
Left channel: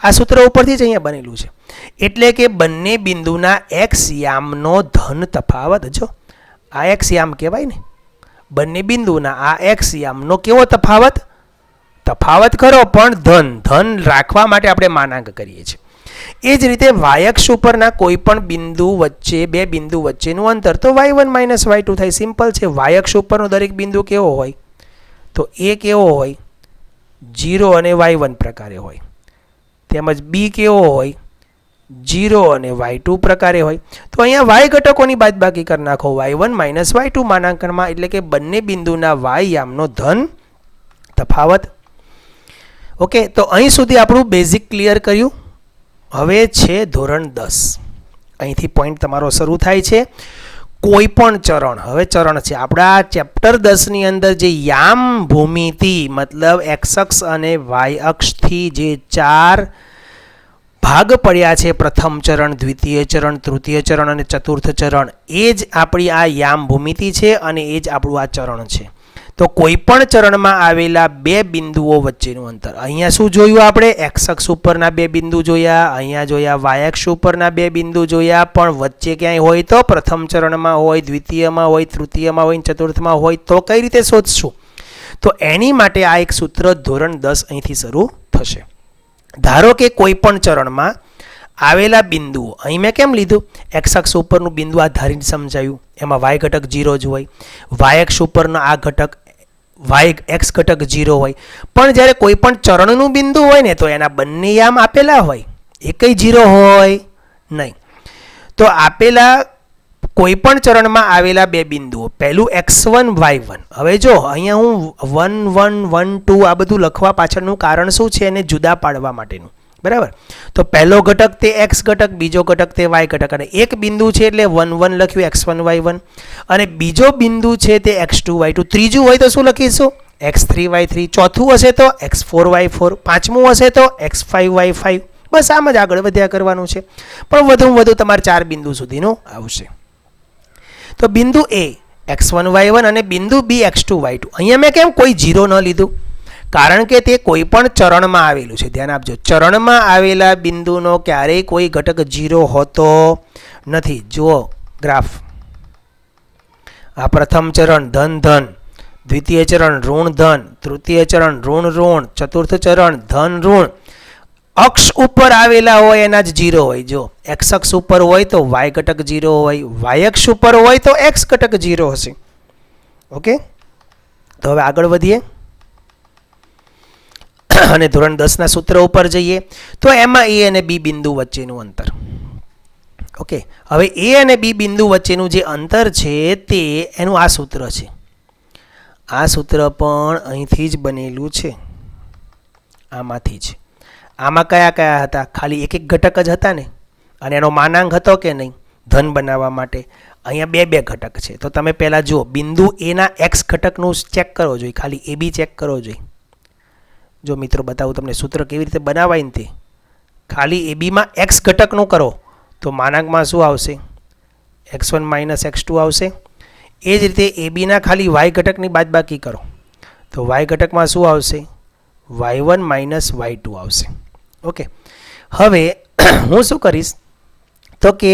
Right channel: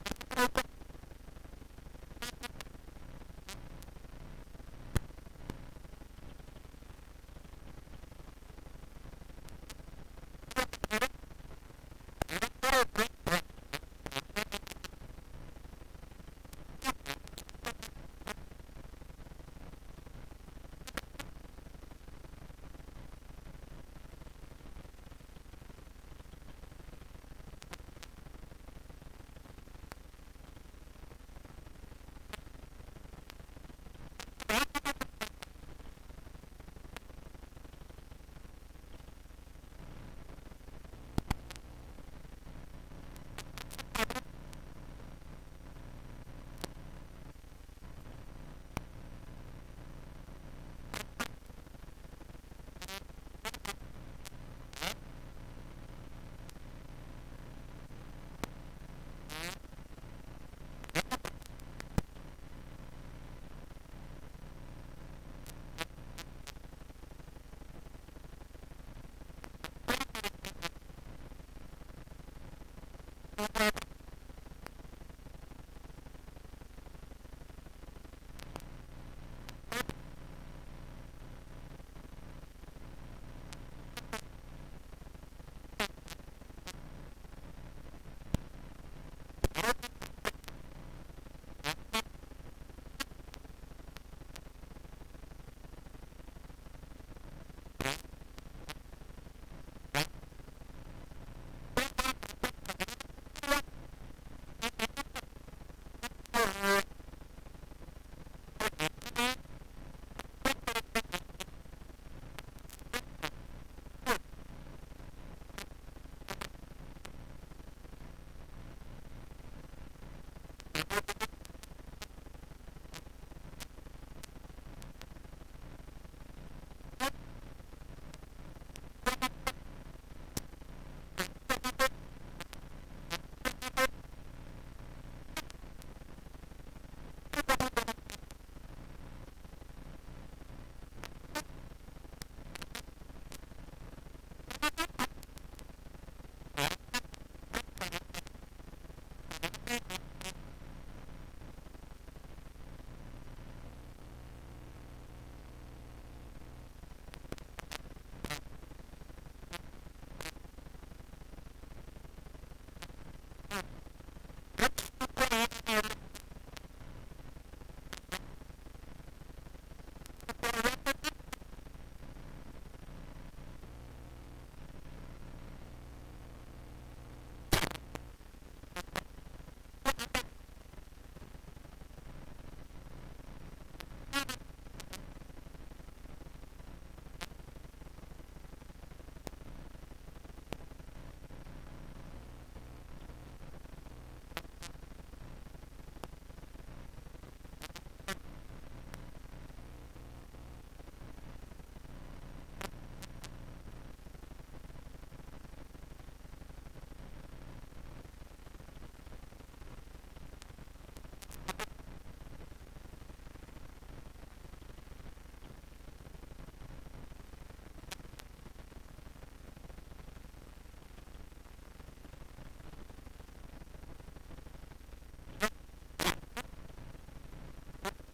આ સૂત્ર ઉપરથી જ અહીંયા બનેલું છે. એટલે કે બંને બિંદુના x યામનો ધન તફાવત, જો આ x યામ કહેવાય ને, બંને બિંદુના આ x યામનો કેવો તફાવત? તફાવત ખરો પણ ધન રાખવા માટે આપણે માનાંક કરીએ છીએ. એ જ રીતે y અક્ષ ઉપરના કોઈ પણ બિંદુ વચ્ચે બે બિંદુ વચ્ચેનું અંતર તો y1 માઇનસ y2 થાય. સિમ્પલ છે. y અક્ષ ઉપરનો દરેક બિંદુ કેવો હોય? તો એ કેવો હોય? 0 અને y1 પ્રકારે હોય. તેમજ b કેવો હોય? 0 અને y2 પ્રકારે હોય. તો અહીંયા y ઘટકોની બાદબાકી કરી નાખો, y1 માઇનસ y2 માનાંકનમાં, એટલે કે બંને બિંદુના y યામનો ધન તફાવત. ઓકે, તો અહીં સુધી આપણું બેઝિક ક્લિયર કર્યું. હવે છે ધોરણ 10. અહીંથી પોઈન્ટ તમારો શરૂ થાય છે. કોઈ પણ ચરણ, હવે ચરણ છે આપણા ચેપ્ટર 10 ની અંદર જે યામ ભૂમિતિ મતલબ x અક્ષ અને y અક્ષથી જે 4 ભાગ પડ્યા છે, પ્રથમ ચરણ, દ્વિતીય ચરણ, તૃતીય ચરણ અને ચતુર્થ ચરણ, એ જ આપણી આ યામ ભૂમિતિ છે અને એ જ આપણું આ ચરણ છે. તો કોઈ પણ ચરણમાં આવેલા બે બિંદુઓ વચ્ચેનું અંતર, અહીંયા શું જોયું આપણે? x અક્ષ ઉપરના બે બિંદુ જોયા, અહીંયા જોયા y અક્ષ ઉપરના બે બિંદુ જોયા, પણ વચ્ચે ક્યાંય હોય તો પ્રથમ ચરણમાં હોય, દ્વિતીયમાં હોય, તૃતીયમાં હોય, ચતુર્થમાં હોય તો કઈ રીતે શોધશું? તો એની માટે આ એક સૂત્ર ધોરણ 10 અહીંથી શરૂ થશે. ધારો કે કોઈ પણ ચરણમાં આવેલા બિંદુઓ, અહીં મેં કેમ લીધું? x અક્ષ ઉપરનું બિંદુ આ ધારીને સમજાયું, એમાં y ઘટક 0 જ હોય, y અક્ષ ઉપરનો આ ઘટક x ઘટક 0 હોય. પણ જ્યારે કોઈ પણ ચરણનું બિંદુ હોય ને તો એના બંને યામ આપેલા હોય, એકય 0 હોય નહીં. તો આપેલા કોઈ પણ ચરણમાં આવેલા બે બિંદુઓ, પહેલું x1 y1. હવે જો અહીંયા હું 1 1 1 2 આ બધું લખવા પાછળનું કારણ શું છે? એને જુદા પાડવા માટેનું, બરાબર. તો પહેલો ઘટક તે x ઘટક, બીજો ઘટક તે y ઘટક, અને એક બિંદુ છે એટલે 1 1 લખ્યું x1 y1, અને બીજો બિંદુ છે તે x2 y2, ત્રીજું હોય તો શું લખીશું? x3 y3, ચોથું હશે તો x4 y4, પાંચમું હશે તો x5 y5. બસ આમ જ આગળ વધ્યા કરવાનું છે, પણ વધુમાં વધુ તમારે 4 બિંદુ સુધીનું આવશે. તો બિંદુ a x1 y1 અને બિંદુ b x2 y2. અહીંયા મેં કેમ કોઈ 0 ન લીધું? કારણ કે તે કોઈ પણ ચરણમાં આવેલું છે. ધ્યાન આપજો, ચરણમાં આવેલા બિંદુનો ક્યારેય કોઈ ઘટક 0 હોતો નથી. જુઓ ગ્રાફ, આ પ્રથમ ચરણ ધન ધન, દ્વિતીય ચરણ ઋણ ધન, તૃતીય ચરણ ઋણ ઋણ, ચતુર્થ ચરણ ધન ઋણ, અક્ષ ઉપર આવેલા હોય એના જ 0 હોય. જો એક્સ અક્ષ ઉપર હોય તો વાય ઘટક 0 હોય, વાય અક્ષ ઉપર હોય તો એક્સ ઘટક 0 હશે. ઓકે, તો હવે આગળ વધીએ અને ધોરણ 10 ના સૂત્ર ઉપર જઈએ. તો એમાં એ અને બી બિંદુ વચ્ચેનું અંતર. ઓકે, હવે એ અને બી બિંદુ વચ્ચેનું જે અંતર છે તે એનું આ સૂત્ર છે. આ સૂત્ર પણ અહીંથી જ બનેલું છે, આમાંથી જ. આમાં કયા કયા હતા? ખાલી એક એક ઘટક જ હતા ને, અને એનો માનાંક હતો કે નહીં ધન બનાવવા માટે. અહીંયા બે બે ઘટક છે. તો તમે પહેલાં જુઓ, બિંદુ એના એક્સ ઘટકનું ચેક કરવો જોઈએ, ખાલી એ બી ચેક કરવો જોઈએ. જો મિત્રો બતાવું તમને સૂત્ર કેવી રીતે બનાવાય ને તે. ખાલી એ બીમાં એક્સ ઘટકનું કરો તો માનાંકમાં શું આવશે? x1 માઇનસ x2 આવશે. એ જ રીતે એ બીના ખાલી વાય ઘટકની બાદબાકી કરો તો વાય ઘટકમાં શું આવશે? y1 માઇનસ y2 આવશે. ઓકે, હવે હું શું કરીશ તો કે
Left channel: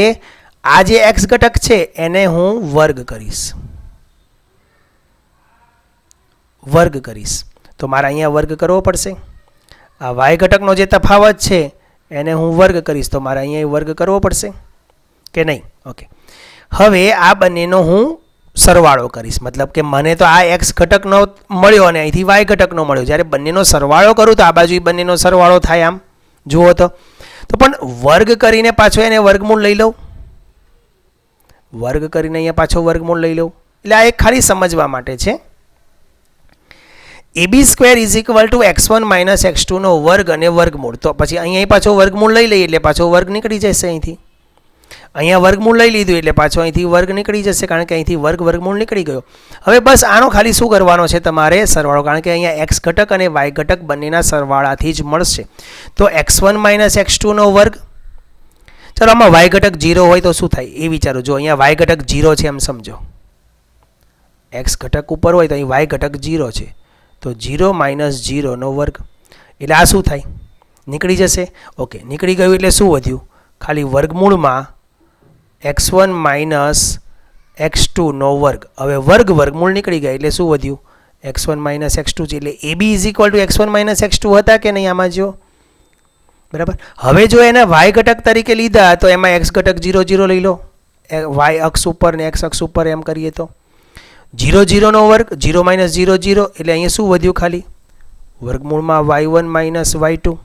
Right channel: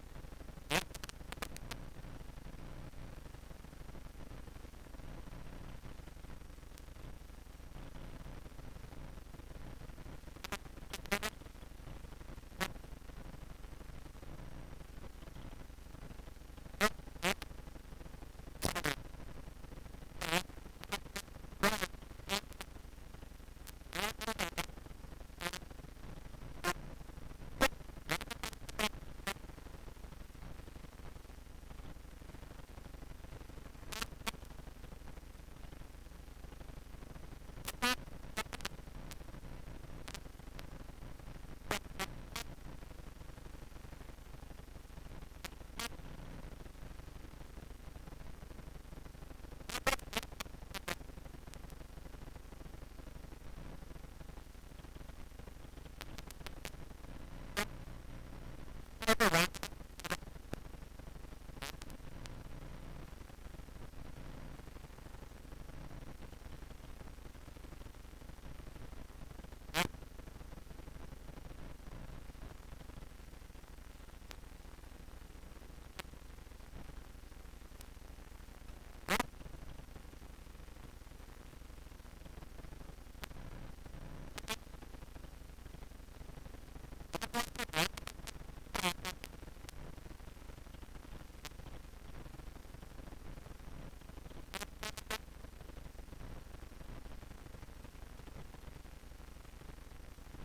આ જે એક્સ ઘટક છે એને હું વર્ગ કરીશ. તો મારે અહીંયા વર્ગ કરવો પડશે. આ વાય ઘટકનો જે તફાવત છે એને હું વર્ગ કરીશ તો મારે અહીંયા વર્ગ કરવો પડશે કે નહીં? ઓકે, હવે આ બંનેનો હું સરવાળો કરીશ. મતલબ કે મને તો આ એક્સ ઘટકનો મળ્યો અને અહીંથી વાય ઘટકનો મળ્યો. જ્યારે બંનેનો સરવાળો કરું તો આ બાજુ બંનેનો સરવાળો થાય. આમ જુઓ તો પણ વર્ગ કરીને પાછો એને વર્ગમૂળ લઈ લઉં. વર્ગ કરીને અહીંયા પાછો વર્ગમૂળ લઈ લઉં. એટલે આ એક ખાલી સમજવા માટે છે. ab² = x1 માઇનસ x2 નો વર્ગ અને વર્ગમૂળ. તો પછી અહીંયા પાછો વર્ગમૂળ લઈ લઈએ એટલે પાછો વર્ગ નીકળી જશે. અહીંથી અહીંયા વર્ગમૂળ લઈ લીધું એટલે પાછો અહીંથી વર્ગ નીકળી જશે, કારણ કે અહીંથી વર્ગમૂળ નીકળી ગયો. હવે બસ આનો ખાલી શું કરવાનો છે તમારે? સરવાળો. કારણ કે અહીંયા એક્સ ઘટક અને વાય ઘટક બંનેના સરવાળાથી જ મળશે. તો x1 માઇનસ x2 નો વર્ગ. ચાલો આમાં વાય ઘટક 0 હોય તો શું થાય એ વિચારો. જો અહીંયા વાય ઘટક 0 છે એમ સમજો. એક્સ ઘટક ઉપર હોય તો અહીં વાય ઘટક 0 છે, તો 0 માઇનસ 0 નો વર્ગ. એટલે આ શું થાય? નીકળી જશે. ઓકે, નીકળી ગયું એટલે શું વધ્યું? ખાલી વર્ગમૂળમાં x1 માઇનસ x2 નો વર્ગ. હવે વર્ગમૂળ નીકળી ગયા એટલે શું વધ્યું? x1 માઇનસ x2 છે. એટલે ab = x1 માઇનસ x2 હતા કે નહીં? આમાં જો બરાબર. હવે જો એના વાય ઘટક તરીકે લીધા તો એમાં એક્સ ઘટક 0 0 લઈ લો, વાય અક્ષ ઉપર ને એક્સ અક્ષ ઉપર એમ કરીએ તો 0 0 નો વર્ગ. 0 માઇનસ 0 0 એટલે અહીંયા શું વધ્યું? ખાલી વર્ગમૂળમાં y1 માઇનસ y2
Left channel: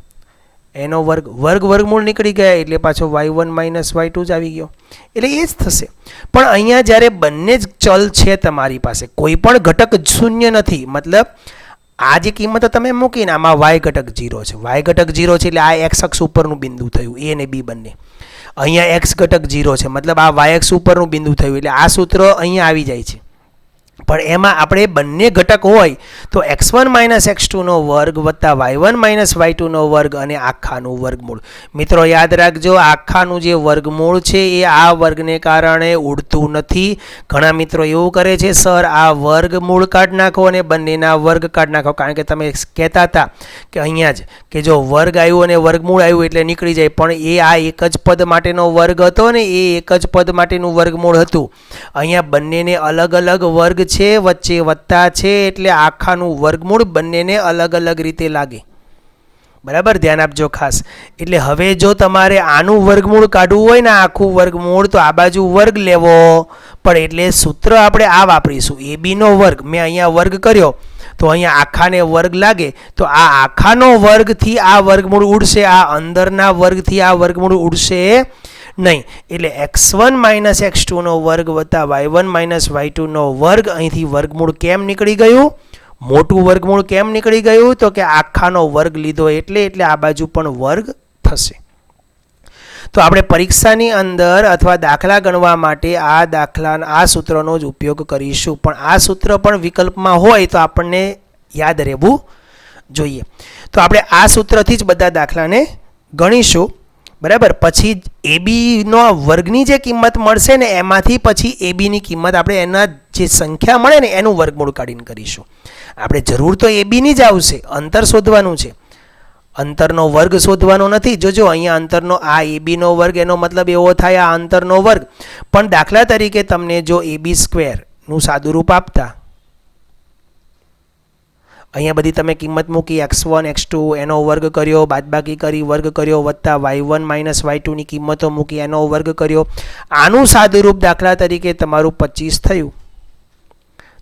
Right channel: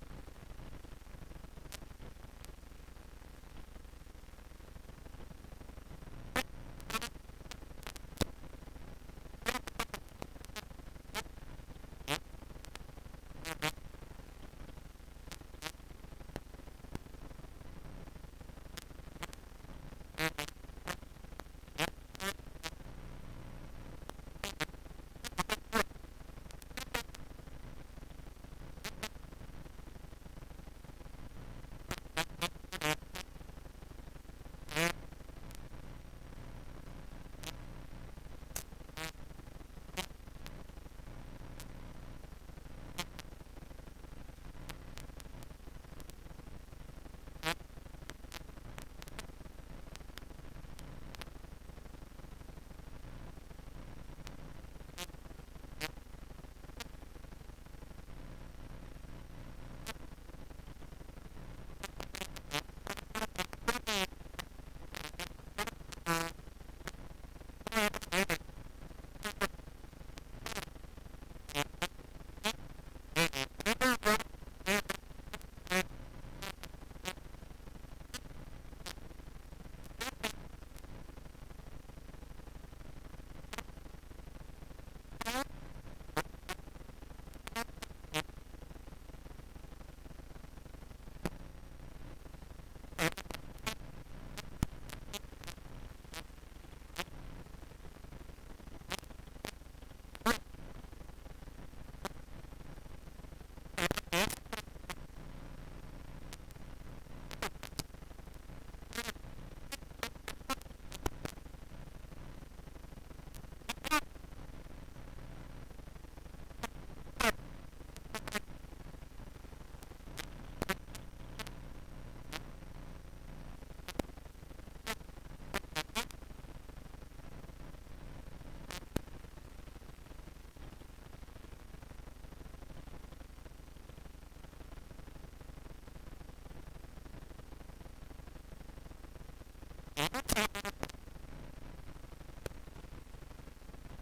એનો વર્ગમૂળ નીકળી ગયા એટલે પાછો y1 માઇનસ y2 જ આવી ગયો. એટલે એ જ થશે. પણ અહીંયા જ્યારે બંને જ ચલ છે તમારી પાસે, કોઈ પણ ઘટક શૂન્ય નથી. મતલબ આ જે કિંમતો તમે મૂકીને આમાં વાય ઘટક 0 છે, વાય ઘટક 0 છે એટલે આ એક્સ અક્ષ ઉપરનું બિંદુ થયું, એ અને બી બંને. અહીંયા એક્સ ઘટક 0 છે, મતલબ આ વાય અક્ષ ઉપરનું બિંદુ થયું. એટલે આ સૂત્ર અહીંયા આવી જાય છે. પણ એમાં આપણે બંને ઘટક હોય તો x1 માઇનસ x2 નો વર્ગ વત્તા y1 માઇનસ y2 નો વર્ગ અને આખાનું વર્ગમૂળ. મિત્રો યાદ રાખજો, આખાનું જે વર્ગમૂળ છે એ આ વર્ગને કારણે ઉડતું નથી. ઘણા મિત્રો એવું કરે છે, સર આ વર્ગમૂળ કાઢી નાખો અને બંનેના વર્ગ કાઢી નાખો. કારણ કે તમે કહેતા હતા કે અહીંયા જ કે જો વર્ગ આવ્યું અને વર્ગમૂળ આવ્યું એટલે નીકળી જાય, પણ એ આ એક જ પદ માટેનો વર્ગ હતો ને, એ એક જ પદ માટેનું વર્ગમૂળ હતું. અહીંયા બંનેને અલગ અલગ વર્ગ છે, વચ્ચે વત્તા છે, એટલે આખાનું વર્ગમૂળ બંનેને અલગ અલગ રીતે લાગે. બરાબર, ધ્યાન આપજો ખાસ. એટલે હવે જો તમારે આનું વર્ગમૂળ કાઢવું હોય ને, આખું વર્ગમૂળ, તો આ બાજુ વર્ગ લેવો પડે. એટલે સૂત્ર આપણે આ વાપરીશું, ab નો વર્ગ. મેં અહીંયા વર્ગ કર્યો તો અહીંયા આખાને વર્ગ લાગે, તો આ આખાનો વર્ગથી આ વર્ગમૂળ ઉડશે, આ અંદરના વર્ગથી આ વર્ગમૂળ ઉડશે નહીં. એટલે x1 માઇનસ x2 નો વર્ગ વત્તા y1 માઇનસ y2 નો વર્ગ. અહીંથી વર્ગમૂળ કેમ નીકળી ગયું? મોટું વર્ગમૂળ કેમ નીકળી ગયું? તો કે આખાનો વર્ગ લીધો એટલે આ બાજુ પણ વર્ગ થશે. તો આપણે પરીક્ષાની અંદર અથવા દાખલા ગણવા માટે આ સૂત્રનો જ ઉપયોગ કરીશું. પણ આ સૂત્ર પણ વિકલ્પમાં હોય તો આપણને યાદ રહેવું જોઈએ. તો આપણે આ સૂત્રથી જ બધા દાખલાને ગણીશું. બરાબર, પછી ab નો વર્ગની જે કિંમત મળશે ને એમાંથી પછી ab ની કિંમત આપણે એના જે સંખ્યા મળે ને એનું વર્ગમૂળ કાઢીને કરીશું. આપણે જરૂર તો ab ની જ આવશે, અંતર શોધવાનું છે, અંતરનો વર્ગ શોધવાનો નથી. જોજો અહીંયા અંતરનો આ ab નો વર્ગ, એનો મતલબ એવો થાય આ અંતરનો વર્ગ. પણ દાખલા તરીકે તમને જો ab² નું સાદું રૂપ આપતા અહીંયા બધી તમે કિંમત મૂકી x1 x2 એનો વર્ગ કર્યો, બાદબાકી કરી વર્ગ કર્યો, વત્તા y1 માઇનસ y2 ની કિંમતો મૂકી એનો વર્ગ કર્યો. આનું સાદુરૂપ દાખલા તરીકે તમારું 25 થયું,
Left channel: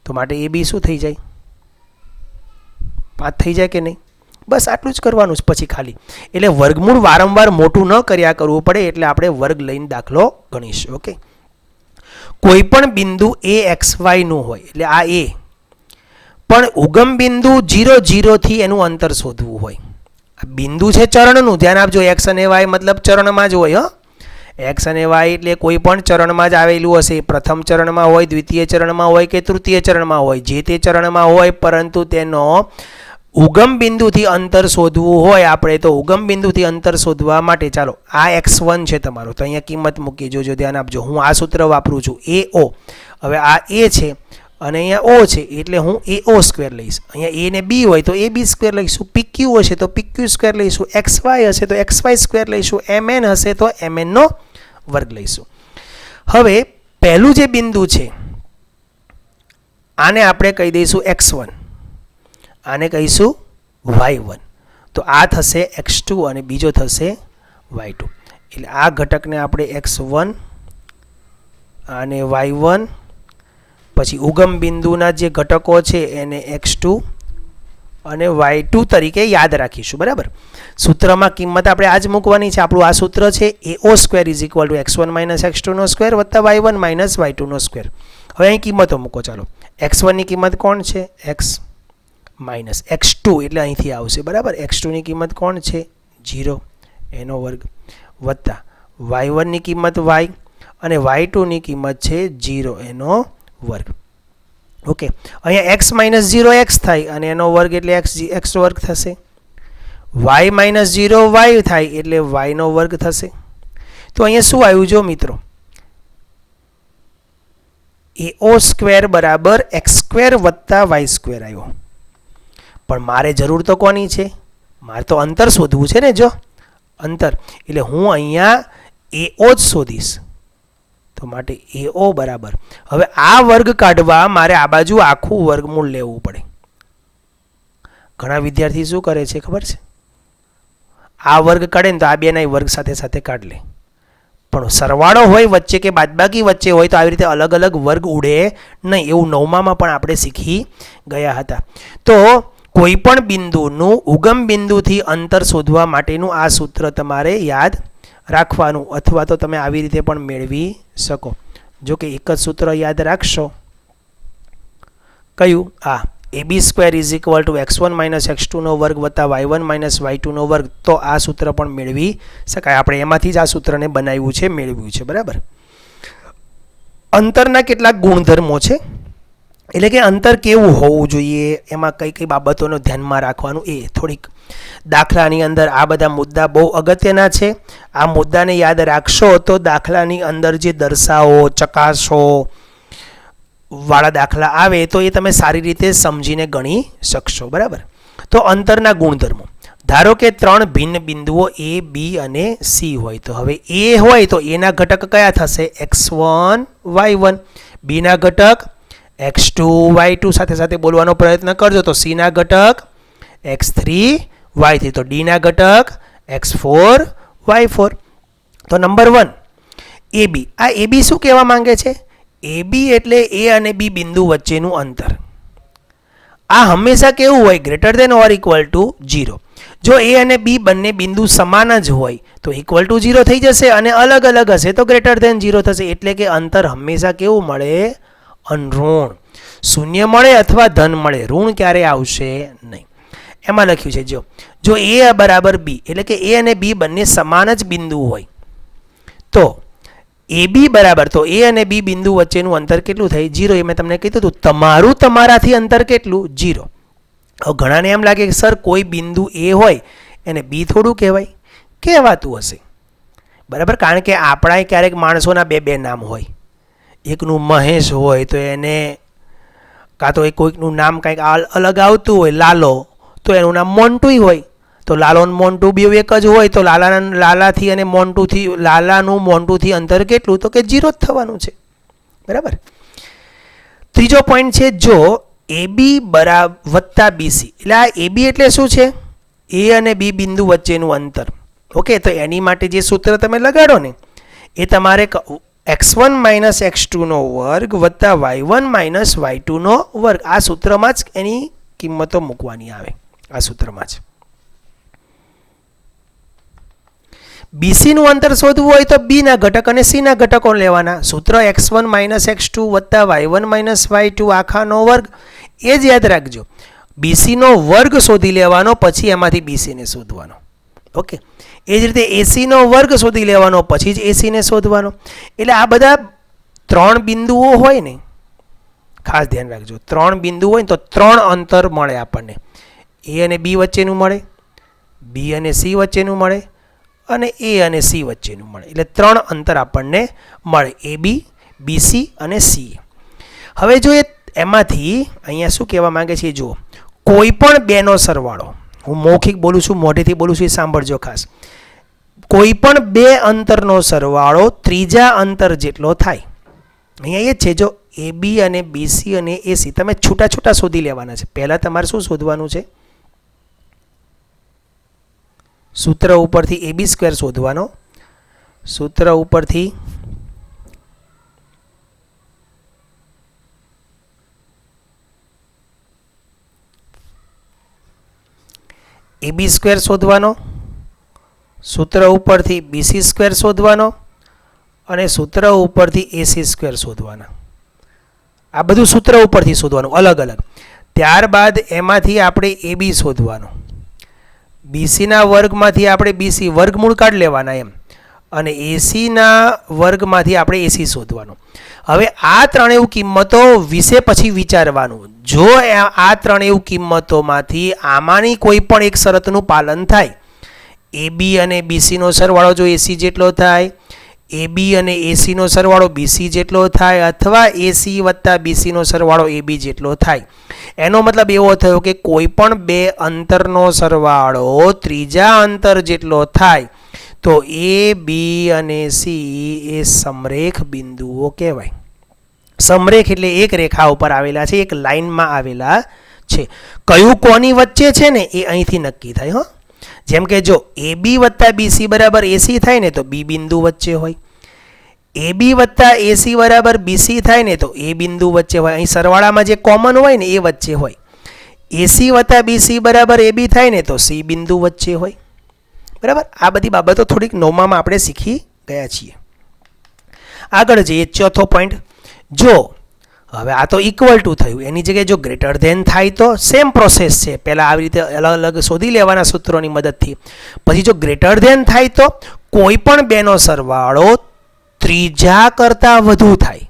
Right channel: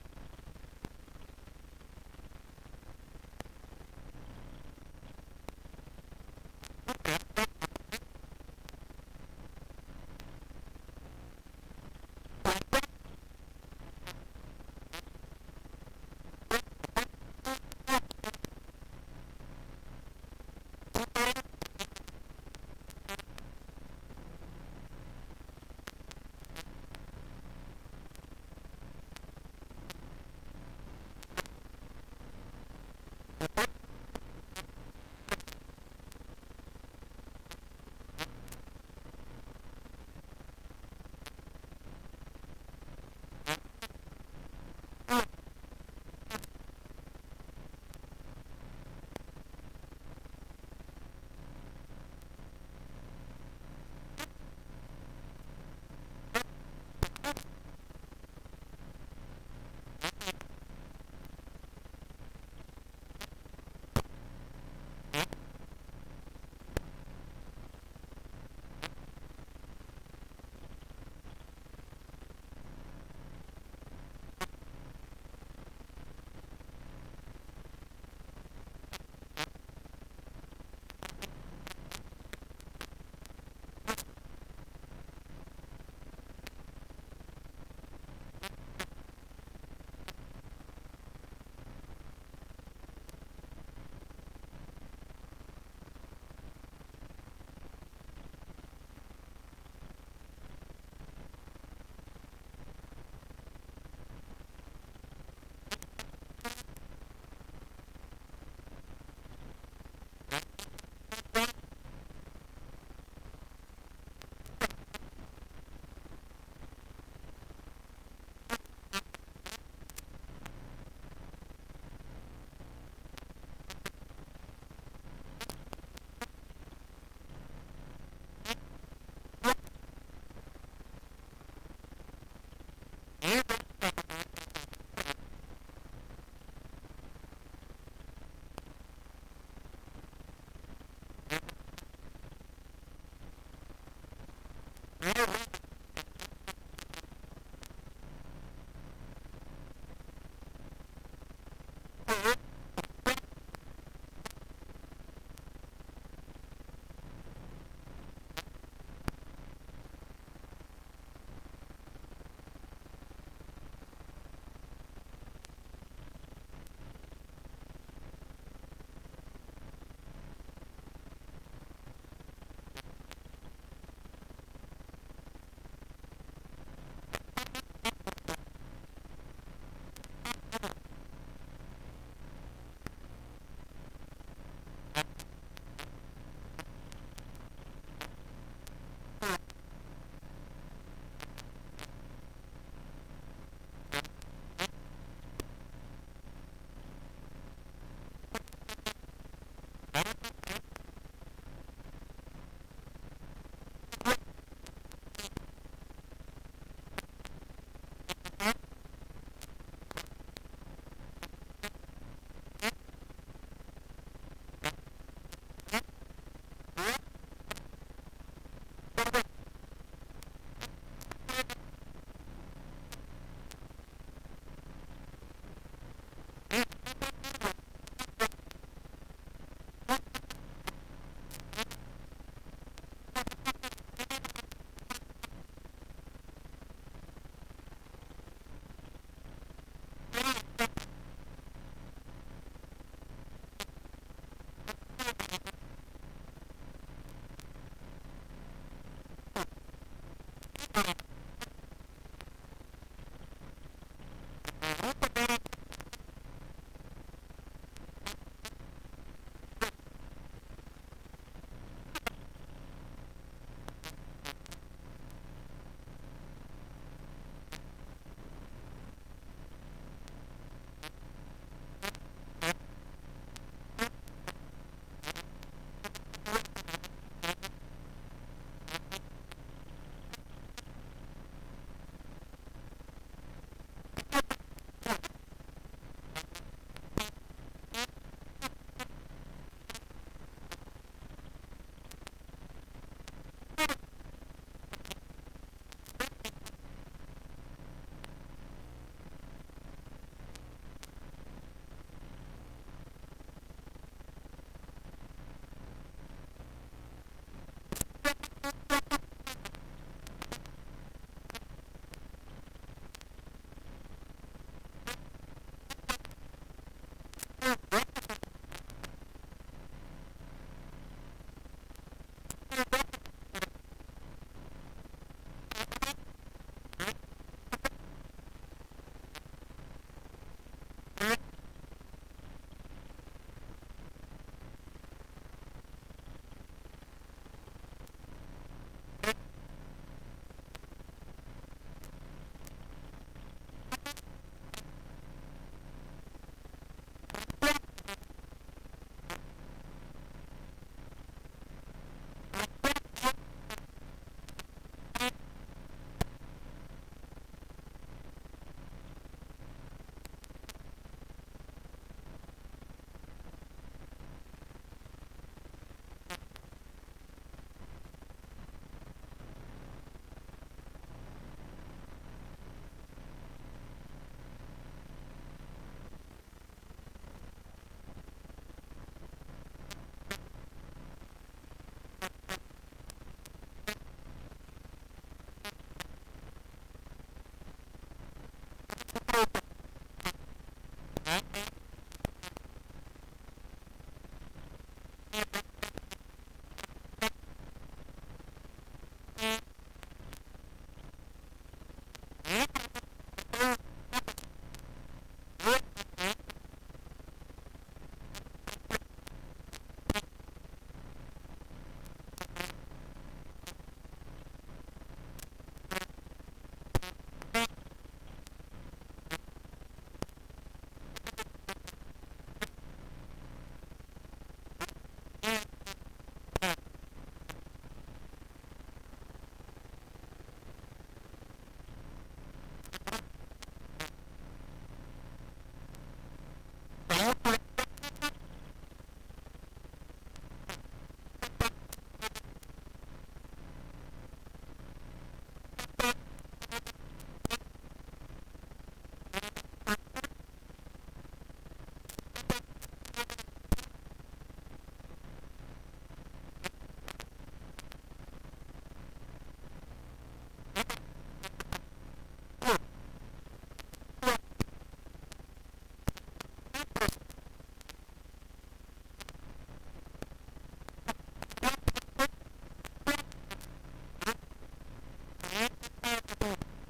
તો માટે એ બી શું થઈ જાય? 5 થઈ જાય કે નહીં? બસ આટલું જ કરવાનું છે પછી ખાલી. એટલે વર્ગમૂળ વારંવાર મોટું ન કર્યા કરવું પડે, એટલે આપણે વર્ગ લઈને દાખલો ગણીશું. ઓકે, કોઈ પણ બિંદુ a xy નું હોય, એટલે આ a, પણ ઉગમ બિંદુ 0 0 થી એનું અંતર શોધવું હોય. આ બિંદુ છે ચરણનું, ધ્યાન આપજો. x અને y મતલબ ચરણમાં જ હોય. x અને y એટલે કોઈ પણ ચરણમાં જ આવેલું હશે. પ્રથમ ચરણમાં હોય, દ્વિતીય ચરણમાં હોય કે તૃતીય ચરણમાં હોય, જે તે ચરણમાં હોય, પરંતુ તેનો ઉગમ બિંદુથી અંતર શોધવું હોય આપણે, તો ઉગમ બિંદુથી અંતર શોધવા માટે ચાલો આ x1 છે તમારો, તો અહીંયા કિંમત મૂકી જોજો, ધ્યાન આપજો. હું આ સૂત્ર વાપરું છું, AO. હવે આ a છે અને અહીંયા o છે, એટલે હું AO સ્ક્વેર લઈશ. અહીંયા a ને b હોય તો AB સ્ક્વેર લઈશું, PQ હશે તો PQ સ્ક્વેર લઈશું, XY હશે તો XY સ્ક્વેર લઈશું, MN હશે તો MN નો વર્ગ લઈશું. હવે પહેલું જે બિંદુ છે આને આપણે કહી દઈશું x1, આને કહીશું y1, તો આ થશે x2 અને બીજો થશે y2. એટલે આ ઘટકને આપણે x1 અને y1, પછી ઉગમ બિંદુના જે ઘટકો છે એને x2 અને y2 તરીકે યાદ રાખીશું. બરાબર, સૂત્રમાં કિંમત આપણે આ જ મૂકવાની છે. આપણું આ સૂત્ર છે AO square is equal to x1 minus x2 નો સ્ક્વેર વત્તા y1 માઇનસ y2 નો સ્ક્વેર. હવે અહીં કિંમતો મૂકો. ચાલો, x1 ની કિંમત કોણ છે? x માઇનસ x2 એટલે અહીંથી આવશે. બરાબર, x2 ની કિંમત કોણ છે? 0 એનો વર્ગ, વત્તા y1 ની કિંમત y અને y2 ની કિંમત છે 0 એનો વર્ગ. ઓકે, અહીંયા x માઇનસ 0 x થાય અને એનો વર્ગ એટલે x વર્ગ થશે. y માઇનસ 0 y થાય એટલે y નો વર્ગ થશે. તો અહીંયા શું આવ્યું જો મિત્રો? AO સ્ક્વેર બરાબર x સ્ક્વેર વત્તા y સ્ક્વેર આવ્યો. પણ મારે જરૂર તો કોની છે? મારે તો અંતર શોધવું છે ને. જો અંતર, એટલે હું અહીંયા AO જ શોધીશ. તો માટે AO બરાબર, હવે આ વર્ગ કાઢવા મારે આ બાજુ આખું વર્ગમૂળ લેવું પડે. ઘણા વિદ્યાર્થી શું કરે છે ખબર છે? આ વર્ગ કાઢે ને તો આ બેના વર્ગ સાથે સાથે કાઢ લે. પણ સરવાળો હોય વચ્ચે કે બાદબાકી વચ્ચે હોય તો આવી રીતે અલગ અલગ વર્ગ ઉડે નહીં. એવું 9માં પણ આપણે શીખી ગયા હતા. તો કોઈ પણ બિંદુનું ઉગમ બિંદુથી અંતર શોધવા માટેનું આ સૂત્ર તમારે યાદ રાખવાનું, અથવા તો તમે આવી રીતે પણ મેળવી શકો. જો કે એક જ સૂત્ર યાદ રાખશો, કયું? આ AB square is equal to x1 minus x2 નો વર્ગ વત્તા y1 માઇનસ y2 નો વર્ગ. તો આ સૂત્ર પણ મેળવી શકાય. આપણે એમાંથી જ આ સૂત્રને બનાવ્યું છે, મેળવ્યું છે. બરાબર, અંતરના કેટલાક ગુણધર્મો છે, એટલે કે અંતર કેવું હોવું જોઈએ, એમાં કઈ કઈ બાબતોનો ધ્યાનમાં રાખવાનું, એ થોડીક દાખલાની અંદર આ બધા મુદ્દા બહુ અગત્યના છે. આ મુદ્દાને યાદ રાખશો તો દાખલાની અંદર જે દર્શાવો, ચકાસો વાળા દાખલા આવે તો એ તમે સારી રીતે સમજીને ગણી શકશો. બરાબર, તો અંતરના ગુણધર્મો. ધારો કે 3 ભિન્ન બિંદુઓ A, B અને C હોય, તો હવે A હોય તો A ના ઘટક કયા થશે? x1 y1, B ના ઘટક x2 y2, સાથે સાથે બોલવાનો પ્રયત્ન કરજો. તો C ના ઘટક x3 y3, તો D ના ઘટક x4 y4. તો નંબર 1 AB. આ AB શું કહેવા માંગે છે? AB એટલે A અને B બિંદુ વચ્ચેનું અંતર. આ હંમેશા કેવું હોય? Greater than or equal to 0. જો A અને B બંને બિંદુ સમાન જ હોય તો ઇક્વલ ટુ 0 થઈ જશે, અને અલગ અલગ હશે તો ગ્રેટર દેન 0 થશે. એટલે કે અંતર હંમેશા કેવું મળે? અનઋણ. શૂન્ય મળે અથવા ધન મળે, ઋણ ક્યારે આવશે નહીં. એમાં લખ્યું છે જો A બરાબર B, એટલે કે A અને B બંને સમાન જ બિંદુ હોય તો AB બરાબર, તો A અને B બિંદુ વચ્ચેનું અંતર કેટલું થાય? 0. એ મેં તમને કીધું હતું. તમારું તમારાથી અંતર કેટલું? 0. હવે ઘણાને એમ લાગે કે સર કોઈ બિંદુ A હોય એને B થોડું કહેવાય? કહેવાતું હશે. બરાબર, કારણ કે આપણા ક્યારેક માણસોના બે નામ હોય. એકનું મહેશ હોય તો એને, કાં તો કોઈકનું નામ કંઈક અલગ આવતું હોય, લાલો, તો એનું નામ મોન્ટુય હોય. તો લાલો અને મોન્ટુ બે એક જ હોય તો લાલાથી અને મોન્ટુથી, લાલાનું મોન્ટુથી અંતર કેટલું? તો કે 0 જ થવાનું છે. બરાબર. ત્રીજો પોઈન્ટ છે, જો AB વત્તા BC, એટલે આ AB એટલે શું છે? A અને B બિંદુ વચ્ચેનું અંતર. ઓકે, તો એની માટે જે સૂત્ર તમે લગાડો ને એ તમારે x1 માઇનસ x2 નો વર્ગ વત્તા y1 માઇનસ y2 નો વર્ગ, આ સૂત્રમાં જ એની કિંમતો મૂકવાની આવે, આ સૂત્રમાં જ. BC નું અંતર શોધવું હોય તો B ના ઘટક અને C ના ઘટકો લેવાના. સૂત્ર x1 માઇનસ x2 વત્તા y1 માઇનસ y2 આખાનો વર્ગ, એ જ યાદ રાખજો. BC નો વર્ગ શોધી લેવાનો, પછી એમાંથી BC ને શોધવાનો. ઓકે, એ જ રીતે AC નો વર્ગ શોધી લેવાનો, પછી જ AC ને શોધવાનો. એટલે આ બધા 3 બિંદુઓ હોય ને, ખાસ ધ્યાન રાખજો, 3 બિંદુ હોય ને તો 3 અંતર મળે આપણને. A અને B વચ્ચેનું મળે, B અને C વચ્ચેનું મળે, અને A અને C વચ્ચેનું મળે. એટલે 3 અંતર આપણને મળે, AB, BC અને C. હવે જો એમાંથી અહીંયા શું કહેવા માંગે છે જુઓ, કોઈ પણ બેનો સરવાળો, હું મૌખિક બોલું છું, મોઢેથી બોલું છું, એ સાંભળજો ખાસ. કોઈ પણ બે અંતરનો સરવાળો ત્રીજા અંતર જેટલો થાય. અહીંયા એ જ છે, જો AB અને BC અને AC તમે છૂટા છૂટા શોધી લેવાના છે. પહેલાં તમારે શું શોધવાનું છે? સૂત્ર ઉપરથી AB² શોધવાનો. સૂત્ર ઉપરથી AB² શોધવાનો, સૂત્ર ઉપરથી BC² શોધવાનો, અને સૂત્ર ઉપરથી AC² શોધવાના. આ બધું સૂત્ર ઉપરથી શોધવાનું અલગ અલગ. ત્યારબાદ એમાંથી આપણે AB શોધવાનો, BC ના વર્ગમાંથી આપણે BC વર્ગમૂળ કાઢી લેવાના એમ, અને AC ના વર્ગમાંથી આપણે AC શોધવાનો. હવે આ ત્રણેય કિંમતો વિશે પછી વિચારવાનું. જો આ ત્રણેય કિંમતોમાંથી આમાંની કોઈ પણ એક શરતનું પાલન થાય, AB અને BC નો સરવાળો જો AC જેટલો થાય, AB અને AC નો સરવાળો BC જેટલો થાય, અથવા AC વત્તા BC નો સરવાળો AB જેટલો થાય, એનો મતલબ એવો થયો કે કોઈ પણ બે અંતરનો સરવાળો ત્રીજા અંતર જેટલો થાય તો A, B અને C એ સમરેખ બિંદુઓ કહેવાય. સમરેખ એટલે એક રેખા ઉપર આવેલા છે, એક લાઈનમાં આવેલા છે. કયું કોની વચ્ચે છે ને એ અહીંથી નક્કી થાય. હો, જેમ કે જો AB વત્તા BC બરાબર AC થાય ને તો B બિંદુ વચ્ચે હોય, AB વત્તા AC બરાબર BC થાય ને તો A બિંદુ વચ્ચે હોય. અહીં સરવાળામાં જે કોમન હોય ને એ વચ્ચે હોય. AC વત્તા BC બરાબર AB થાય ને તો C બિંદુ વચ્ચે હોય. બરાબર, આ બધી બાબતો થોડીક નવમામાં આપણે શીખી ગયા છીએ. આગળ જઈએ, ચોથો પોઈન્ટ. જો હવે આ તો ઇક્વલ ટુ થયું, એની જગ્યાએ જો ગ્રેટર ધેન થાય તો સેમ પ્રોસેસ છે. પહેલાં આવી રીતે અલગ અલગ શોધી લેવાના સૂત્રોની મદદથી. પછી જો ગ્રેટર ધેન થાય તો કોઈ પણ બેનો સરવાળો ત્રીજા કરતાં વધુ થાય.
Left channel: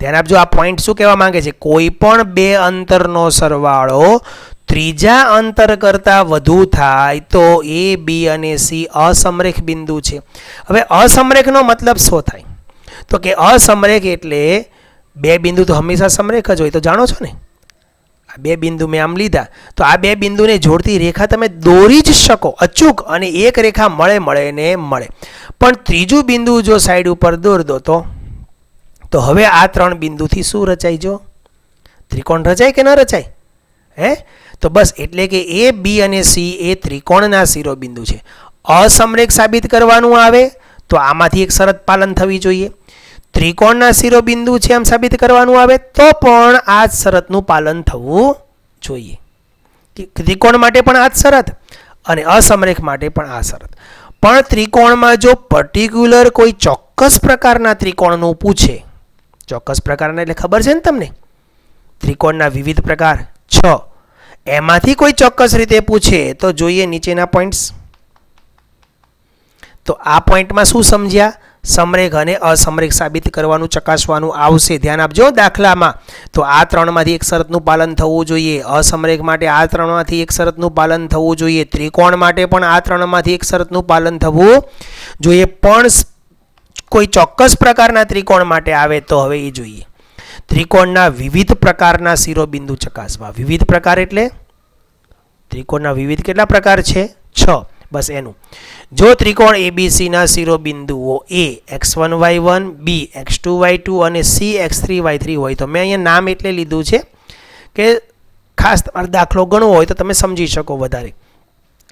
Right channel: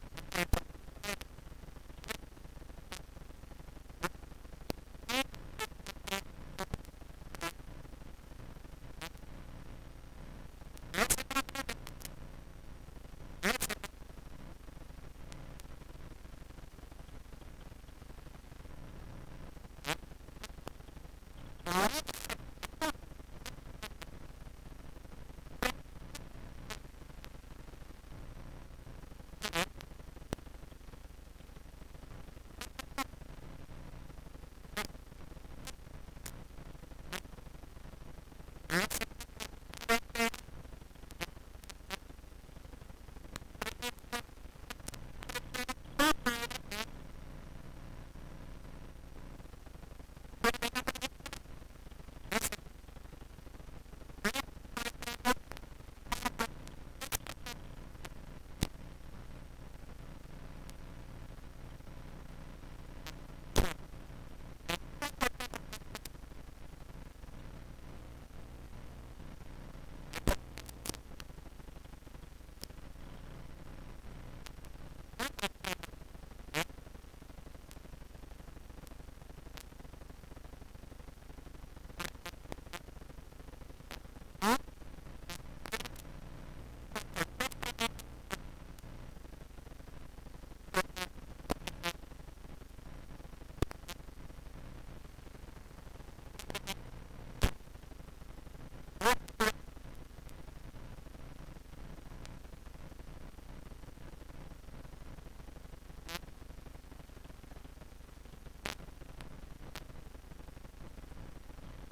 ધ્યાન આપજો, આ પોઈન્ટ શું કહેવા માંગે છે? કોઈ પણ બે અંતરનો સરવાળો ત્રીજા અંતર કરતાં વધુ થાય તો A, B અને C અસમરેખ બિંદુ છે. હવે અસમરેખનો મતલબ શું થાય? તો કે અસમરેખ એટલે બે બિંદુ તો હંમેશા સમરેખ જ હોય, તો જાણો છો ને. આ બે બિંદુ મેં આમ લીધા, તો આ બે બિંદુને જોડતી રેખા તમે દોરી જ શકો અચૂક, અને એક રેખા મળે ને મળે. પણ ત્રીજું બિંદુ જો સાઈડ ઉપર દોર દો તો હવે આ ત્રણ બિંદુથી શું રચાય? જો ત્રિકોણ રચાય કે ન રચાય? હે, તો બસ એટલે કે A, B અને C એ ત્રિકોણના શિરોબિંદુ છે. અસમરેખ સાબિત કરવાનું આવે તો આમાંથી એક શરત પાલન થવી જોઈએ. ત્રિકોણના શિરોબિંદુ છે એમ સાબિત કરવાનું આવે તો પણ આ જ શરતનું પાલન થવું જોઈએ. ત્રિકોણ માટે પણ આ જ શરત અને અસમરેખ માટે પણ આ શરત. પણ ત્રિકોણમાં જો પર્ટિક્યુલર કોઈ ચોક્કસ પ્રકારના ત્રિકોણનું પૂછે, ચોક્કસ પ્રકારના એટલે ખબર છે ને તમને, ત્રિકોણના વિવિધ પ્રકાર 6, એમાંથી કોઈ ચોક્કસ રીતે પૂછે તો જોઈએ નીચેના પોઈન્ટ્સ. તો આ પોઈન્ટમાં શું સમજ્યા? સમરેખ અને અસમરેખ સાબિત કરવાનું ચકાસવાનું આવશે. ધ્યાન આપજો દાખલામાં. તો આ ત્રણમાંથી એક શરતનું પાલન થવું જોઈએ. અસમરેખ માટે આ ત્રણમાંથી એક શરતનું પાલન થવું જોઈએ. ત્રિકોણ માટે પણ આ ત્રણમાંથી એક શરતનું પાલન થવું જોઈએ. પણ કોઈ ચોક્કસ પ્રકારના ત્રિકોણ માટે આવે તો હવે એ જોઈએ. ત્રિકોણના વિવિધ પ્રકારના શિરોબિંદુ ચકાસવા. વિવિધ પ્રકાર એટલે ત્રિકોણના વિવિધ કેટલા પ્રકાર છે? 6. બસ એનું. જો ત્રિકોણ ABC ના શિરોબિંદુઓ A x1 y1, B x2 y2 અને C x3 y3 હોય તો મેં અહીંયા નામ એટલે લીધું છે કે ખાસ તમારે દાખલો ગણવો હોય તો તમે સમજી શકો વધારે.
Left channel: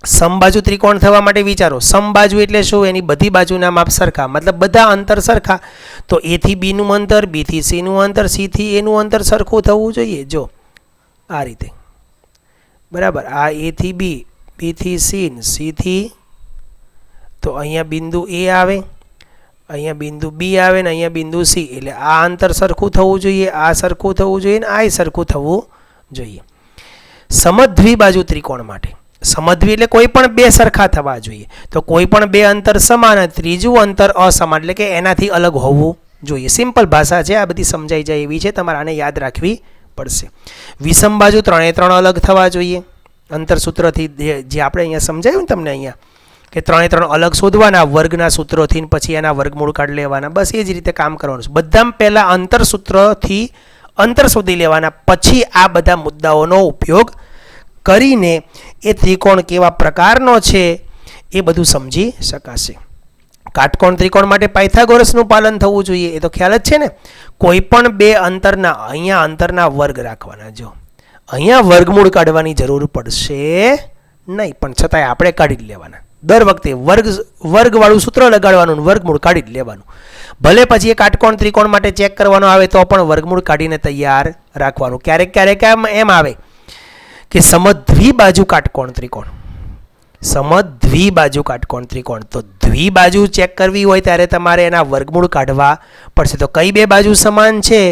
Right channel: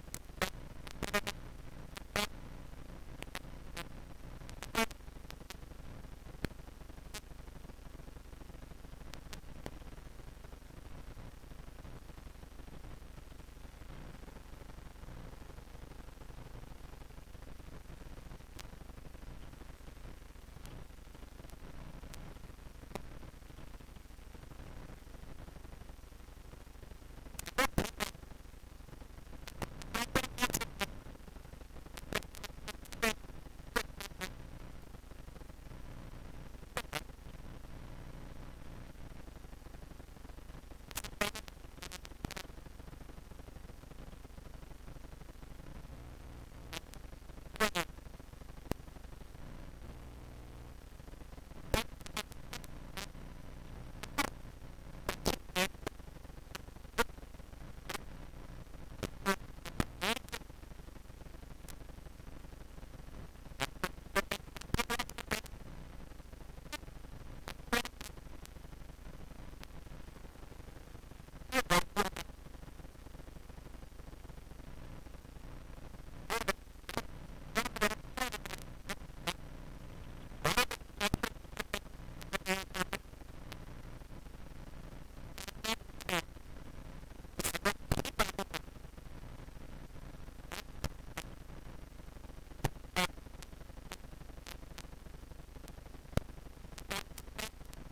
સમબાજુ ત્રિકોણ થવા માટે વિચારો. સમબાજુ એટલે શું? એની બધી બાજુના માપ સરખા, મતલબ બધા અંતર સરખા. તો એ થી બી નું અંતર, બી થી સી નું અંતર, સી થી એ નું અંતર સરખું થવું જોઈએ. જો આ રીતે, બરાબર. આ એ થી બી, બી થી સી, સી થી, તો અહીંયા બિંદુ એ આવે, અહીંયા બિંદુ બી આવે ને અહીંયા બિંદુ સી. એટલે આ અંતર સરખું થવું જોઈએ, આ સરખું થવું જોઈએ ને આ સરખું થવું જોઈએ. સમદ્વિબાજુ ત્રિકોણ માટે, સમદ્વિ એટલે કોઈ પણ બે સરખા થવા જોઈએ. તો કોઈ પણ બે અંતર સમાન, ત્રીજું અંતર અસમાન એટલે કે એનાથી અલગ હોવું જોઈએ. સિમ્પલ ભાષા છે, આ બધી સમજાઈ જાય એવી છે, તમારે આને યાદ રાખવી પડશે. વિષમ બાજુ ત્રણે ત્રણ અલગ થવા જોઈએ અંતર સૂત્રથી, જે આપણે અહીંયા સમજાયું ને તમને અહીંયા કે ત્રણે ત્રણ અલગ શોધવાના વર્ગના સૂત્રોથી, પછી એના વર્ગમૂળ કાઢી લેવાના. બસ એ જ રીતે કામ કરવાનું છે. બધામાં પહેલાં અંતર સૂત્રથી અંતર શોધી લેવાના, પછી આ બધા મુદ્દાઓનો ઉપયોગ કરીને એ ત્રિકોણ કેવા પ્રકારનો છે એ બધું સમજી શકાશે. કાટકોણ ત્રિકોણ માટે પાયથાગોરસનું પાલન થવું જોઈએ, એ તો ખ્યાલ જ છે ને. કોઈ પણ બે અંતરના, અહીંયા અંતરના વર્ગ રાખવાના. જો અહીંયા વર્ગમૂળ કાઢવાની જરૂર પડશે નહીં, પણ છતાંય આપણે કાઢી જ લેવાના. દર વખતે વર્ગવાળું સૂત્ર લગાડવાનું, વર્ગમૂળ કાઢી જ લેવાનું. ભલે પછી એ કાટકોણ ત્રિકોણ માટે ચેક કરવાનો આવે તો પણ વર્ગમૂળ કાઢીને તૈયાર રાખવાનું. ક્યારેક ક્યારેક એમ આવે કે સમદ્વિબાજુ કાટકોણ ત્રિકોણ, સમદ્વિબાજુ કાટકોણ ત્રિકોણ, તો દ્વિબાજુ ચેક કરવી હોય ત્યારે તમારે એના વર્ગમૂળ કાઢવા પડશે. તો કઈ બે બાજુ સમાન છે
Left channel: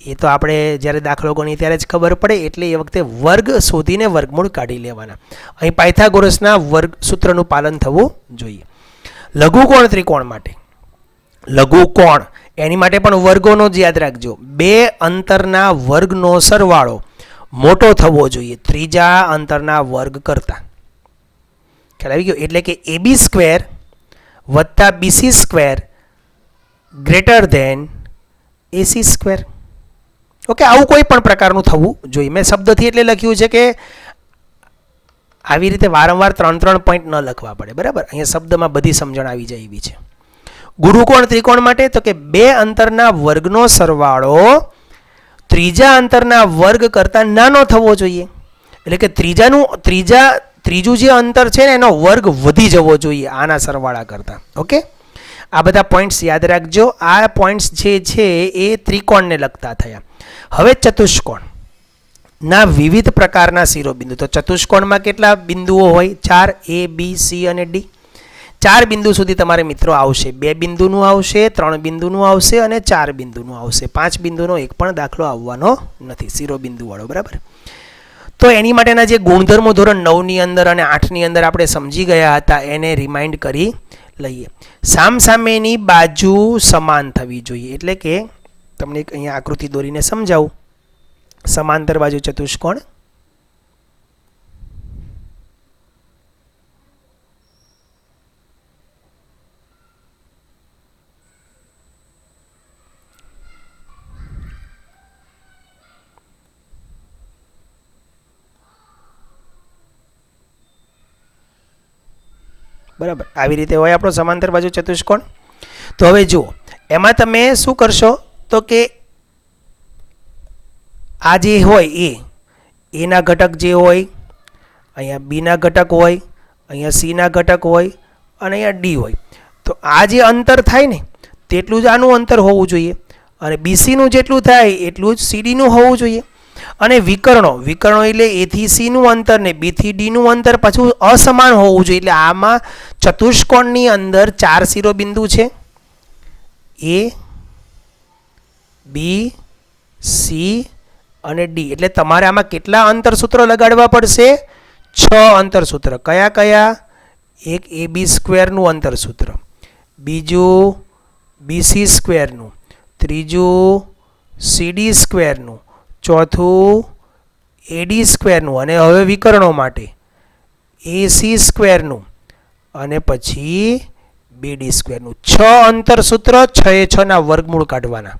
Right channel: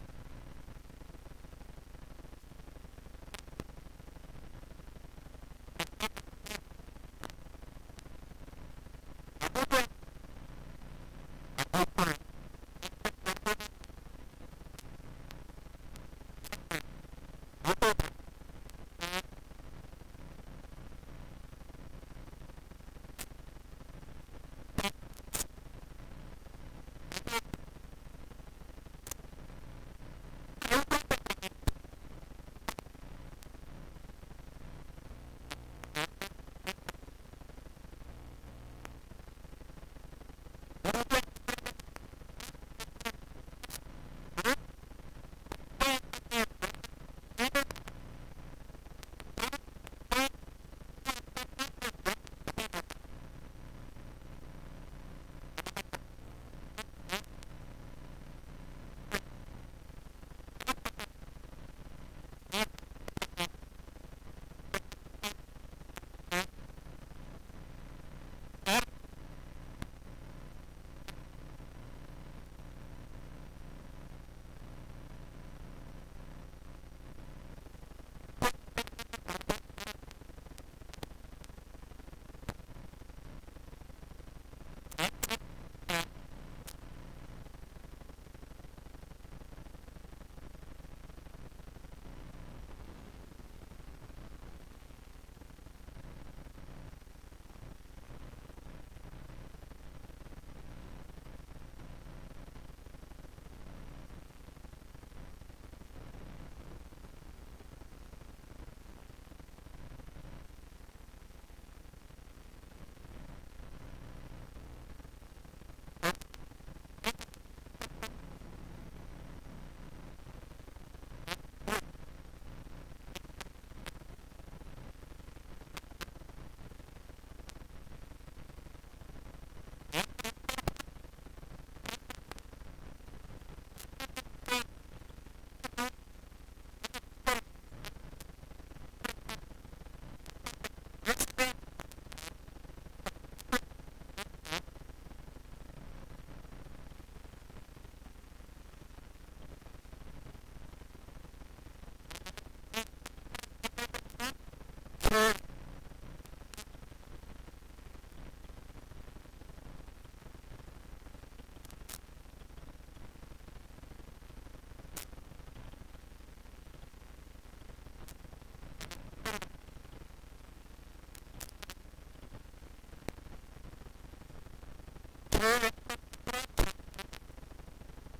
એ તો આપણે જ્યારે દાખલો ગણીએ ત્યારે જ ખબર પડે, એટલે એ વખતે વર્ગ શોધીને વર્ગમૂળ કાઢી લેવાના. અહીં પાયથાગોરસના વર્ગ સૂત્રનું પાલન થવું જોઈએ. લઘુકોણ ત્રિકોણ માટે, લઘુકોણ એની માટે પણ વર્ગોનો જ યાદ રાખજો. બે અંતરના વર્ગનો સરવાળો મોટો થવો જોઈએ ત્રીજા અંતરના વર્ગ કરતા. ખ્યાલ આવી ગયો? એટલે કે AB સ્ક્વેર વત્તા BC square greater than AC square. Okay, આવું કોઈ પણ પ્રકારનું થવું જોઈએ. મેં શબ્દથી એટલે લખ્યું છે કે આવી રીતે વારંવાર 3 પોઈન્ટ ન લખવા પડે, બરાબર. અહીંયા શબ્દમાં બધી સમજણ આવી જાય એવી છે. ગુરુકોણ ત્રિકોણ માટે તો કે બે અંતરના વર્ગનો સરવાળો ત્રીજા અંતરના વર્ગ કરતાં નાનો થવો જોઈએ. એટલે કે ત્રીજું જે અંતર છે ને એનો વર્ગ વધી જવો જોઈએ આના સરવાળા કરતાં. ઓકે, આ બધા પોઈન્ટ્સ યાદ રાખજો. આ પોઈન્ટ્સ જે છે એ ત્રિકોણને લગતા થયા. હવે ચતુષ્કોણ ના વિવિધ પ્રકારના શિરોબિંદુ. તો ચતુષ્કોણમાં કેટલા બિંદુઓ હોય? 4, A, B, C અને D. 4 બિંદુ સુધી તમારે મિત્રો આવશે. 2 બિંદુનું આવશે, 3 બિંદુનું આવશે અને 4 બિંદુનું આવશે. 5 બિંદુનો એક પણ દાખલો આવવાનો નથી શિરોબિંદુ વાળો, બરાબર. તો એની માટેના જે ગુણધર્મો ધોરણ 9ની અંદર અને 8ની અંદર આપણે સમજી ગયા હતા એને રિમાઇન્ડ કરી લઈએ. સામસામેની બાજુ સમાન થવી જોઈએ. એટલે કે તમને અહીંયા આકૃતિ દોરીને સમજાવું. સમાંતર બાજુ ચતુષ્કોણ, બરાબર. આવી રીતે હોય આપણો સમાંતર બાજુ ચતુષ્કોણ. તો હવે જુઓ, એમાં તમે શું કરશો તો કે આ જે હોય એના ઘટક જે હોય, અહીંયા બીના ઘટક હોય, અહીંયા સીના ઘટક હોય અને અહીંયા ડી હોય. તો આ જે અંતર થાય ને તેટલું જ આનું અંતર હોવું જોઈએ, અને બીસીનું જેટલું થાય એટલું જ સીડીનું હોવું જોઈએ. અને વિકર્ણો એટલે એ થી સીનું અંતર ને બી થી ડીનું અંતર પાછું અસમાન હોવું જોઈએ. એટલે આમાં ચતુષ્કોણની અંદર 4 શિરોબિંદુ છે, A, B, C અને D. એટલે તમારે આમાં કેટલા અંતર સૂત્રો લગાડવા પડશે? 6 અંતર સૂત્ર. કયા કયા? એક AB સ્ક્વેરનું અંતર સૂત્ર, બીજું BC સ્ક્વેરનું, ત્રીજું CD સ્ક્વેરનું, ચોથું AD સ્ક્વેરનું, અને હવે વિકર્ણો માટે AC સ્ક્વેરનું અને પછી BD સ્ક્વેરનું. 6 અંતર સૂત્ર, 6 ના વર્ગમૂળ કાઢવાના.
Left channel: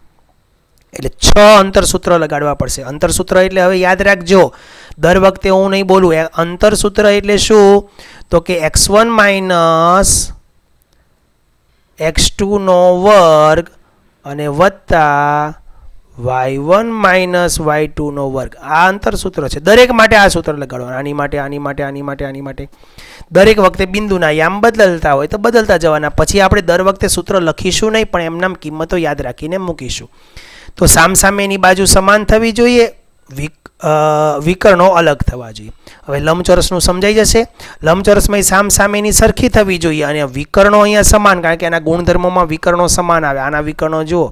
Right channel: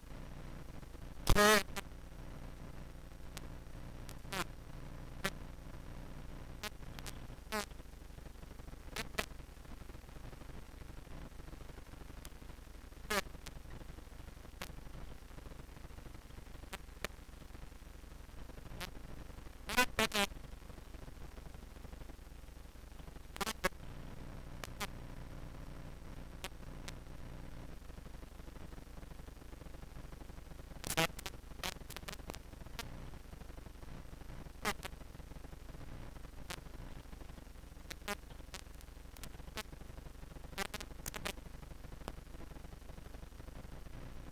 એટલે 6 અંતર સૂત્ર લગાડવા પડશે. અંતર સૂત્ર એટલે હવે યાદ રાખજો, દર વખતે હું નહીં બોલું. અંતર સૂત્ર એટલે શું? તો કે x1 માઇનસ x2 નો વર્ગ અને વત્તા y1 માઇનસ y2 નો વર્ગ. આ અંતરસૂત્ર છે. દરેક માટે આ સૂત્ર લગાડવાનું. આની માટે, આની માટે, આની માટે, આની માટે. દરેક વખતે બિંદુના યામ બદલતા હોય તો બદલતા જવાના. પછી આપણે દર વખતે સૂત્ર લખીશું નહીં, પણ એમનામ કિંમતો યાદ રાખીને મૂકીશું. તો સામસામેની બાજુ સમાન થવી જોઈએ, વિકર્ણો અલગ થવા જોઈએ. હવે લંબચોરસનું સમજાઈ જશે. લંબચોરસમાં સામસામેની સરખી થવી જોઈએ અને વિકર્ણો અહીંયા સમાન, કારણ કે એના ગુણધર્મોમાં વિકર્ણો સમાન આવે. આના વિકર્ણો જુઓ,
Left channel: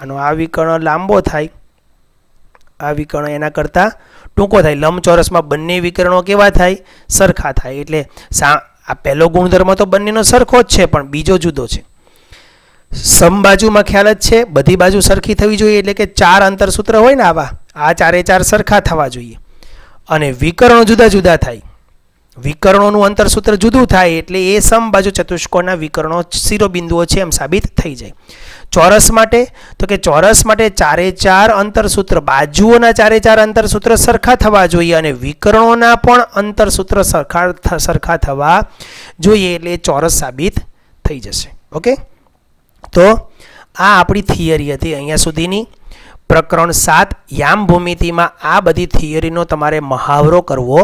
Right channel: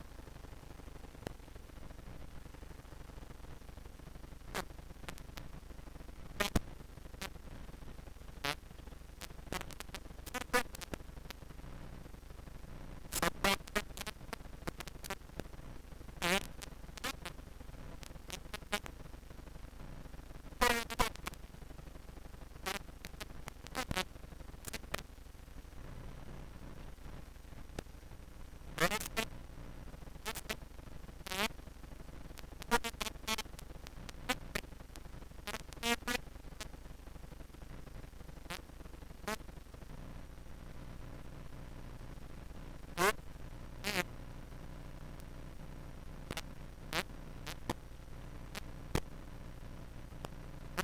આનો આ વિકર્ણ લાંબો થાય, આ વિકર્ણ એના કરતાં ટૂંકો થાય. લંબચોરસમાં બંને વિકર્ણો કેવા થાય? સરખા થાય. એટલે આ પહેલો ગુણધર્મ તો બંનેનો સરખો જ છે, પણ બીજો જુદો છે. સમબાજુમાં ખ્યાલ જ છે, બધી બાજુ સરખી થવી જોઈએ. એટલે કે 4 અંતરસૂત્ર હોય ને આવા, આ 4 એ 4 સરખા થવા જોઈએ. અને વિકર્ણો જુદા જુદા થાય. વિકર્ણોનું અંતરસૂત્ર જુદું થાય એટલે એ સમબાજુ ચતુષ્કોણના વિકર્ણો શિરોબિંદુઓ છે એમ સાબિત થઈ જાય. ચોરસ માટે તો કે ચોરસ માટે 4 એ 4 અંતરસૂત્ર, બાજુઓના 4 એ 4 અંતરસૂત્ર સરખા થવા જોઈએ અને વિકર્ણોના પણ અંતરસૂત્ર સરખા થવા જોઈએ. એટલે એ ચોરસ સાબિત થઈ જશે. ઓકે, તો આ આપણી થિયરી હતી અહીંયા સુધીની. પ્રકરણ 7 યામ ભૂમિતિમાં આ બધી થિયરીનો તમારે મહાવરો કરવો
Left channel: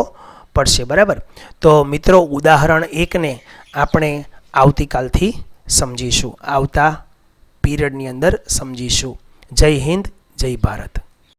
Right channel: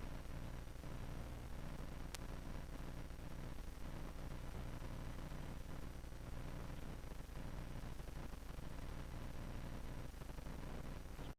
પડશે. બરાબર. તો મિત્રો, ઉદાહરણ 1ને આપણે આવતીકાલથી સમજીશું, આવતા પીરિયડની અંદર સમજીશું. જય હિન્દ, જય ભારત.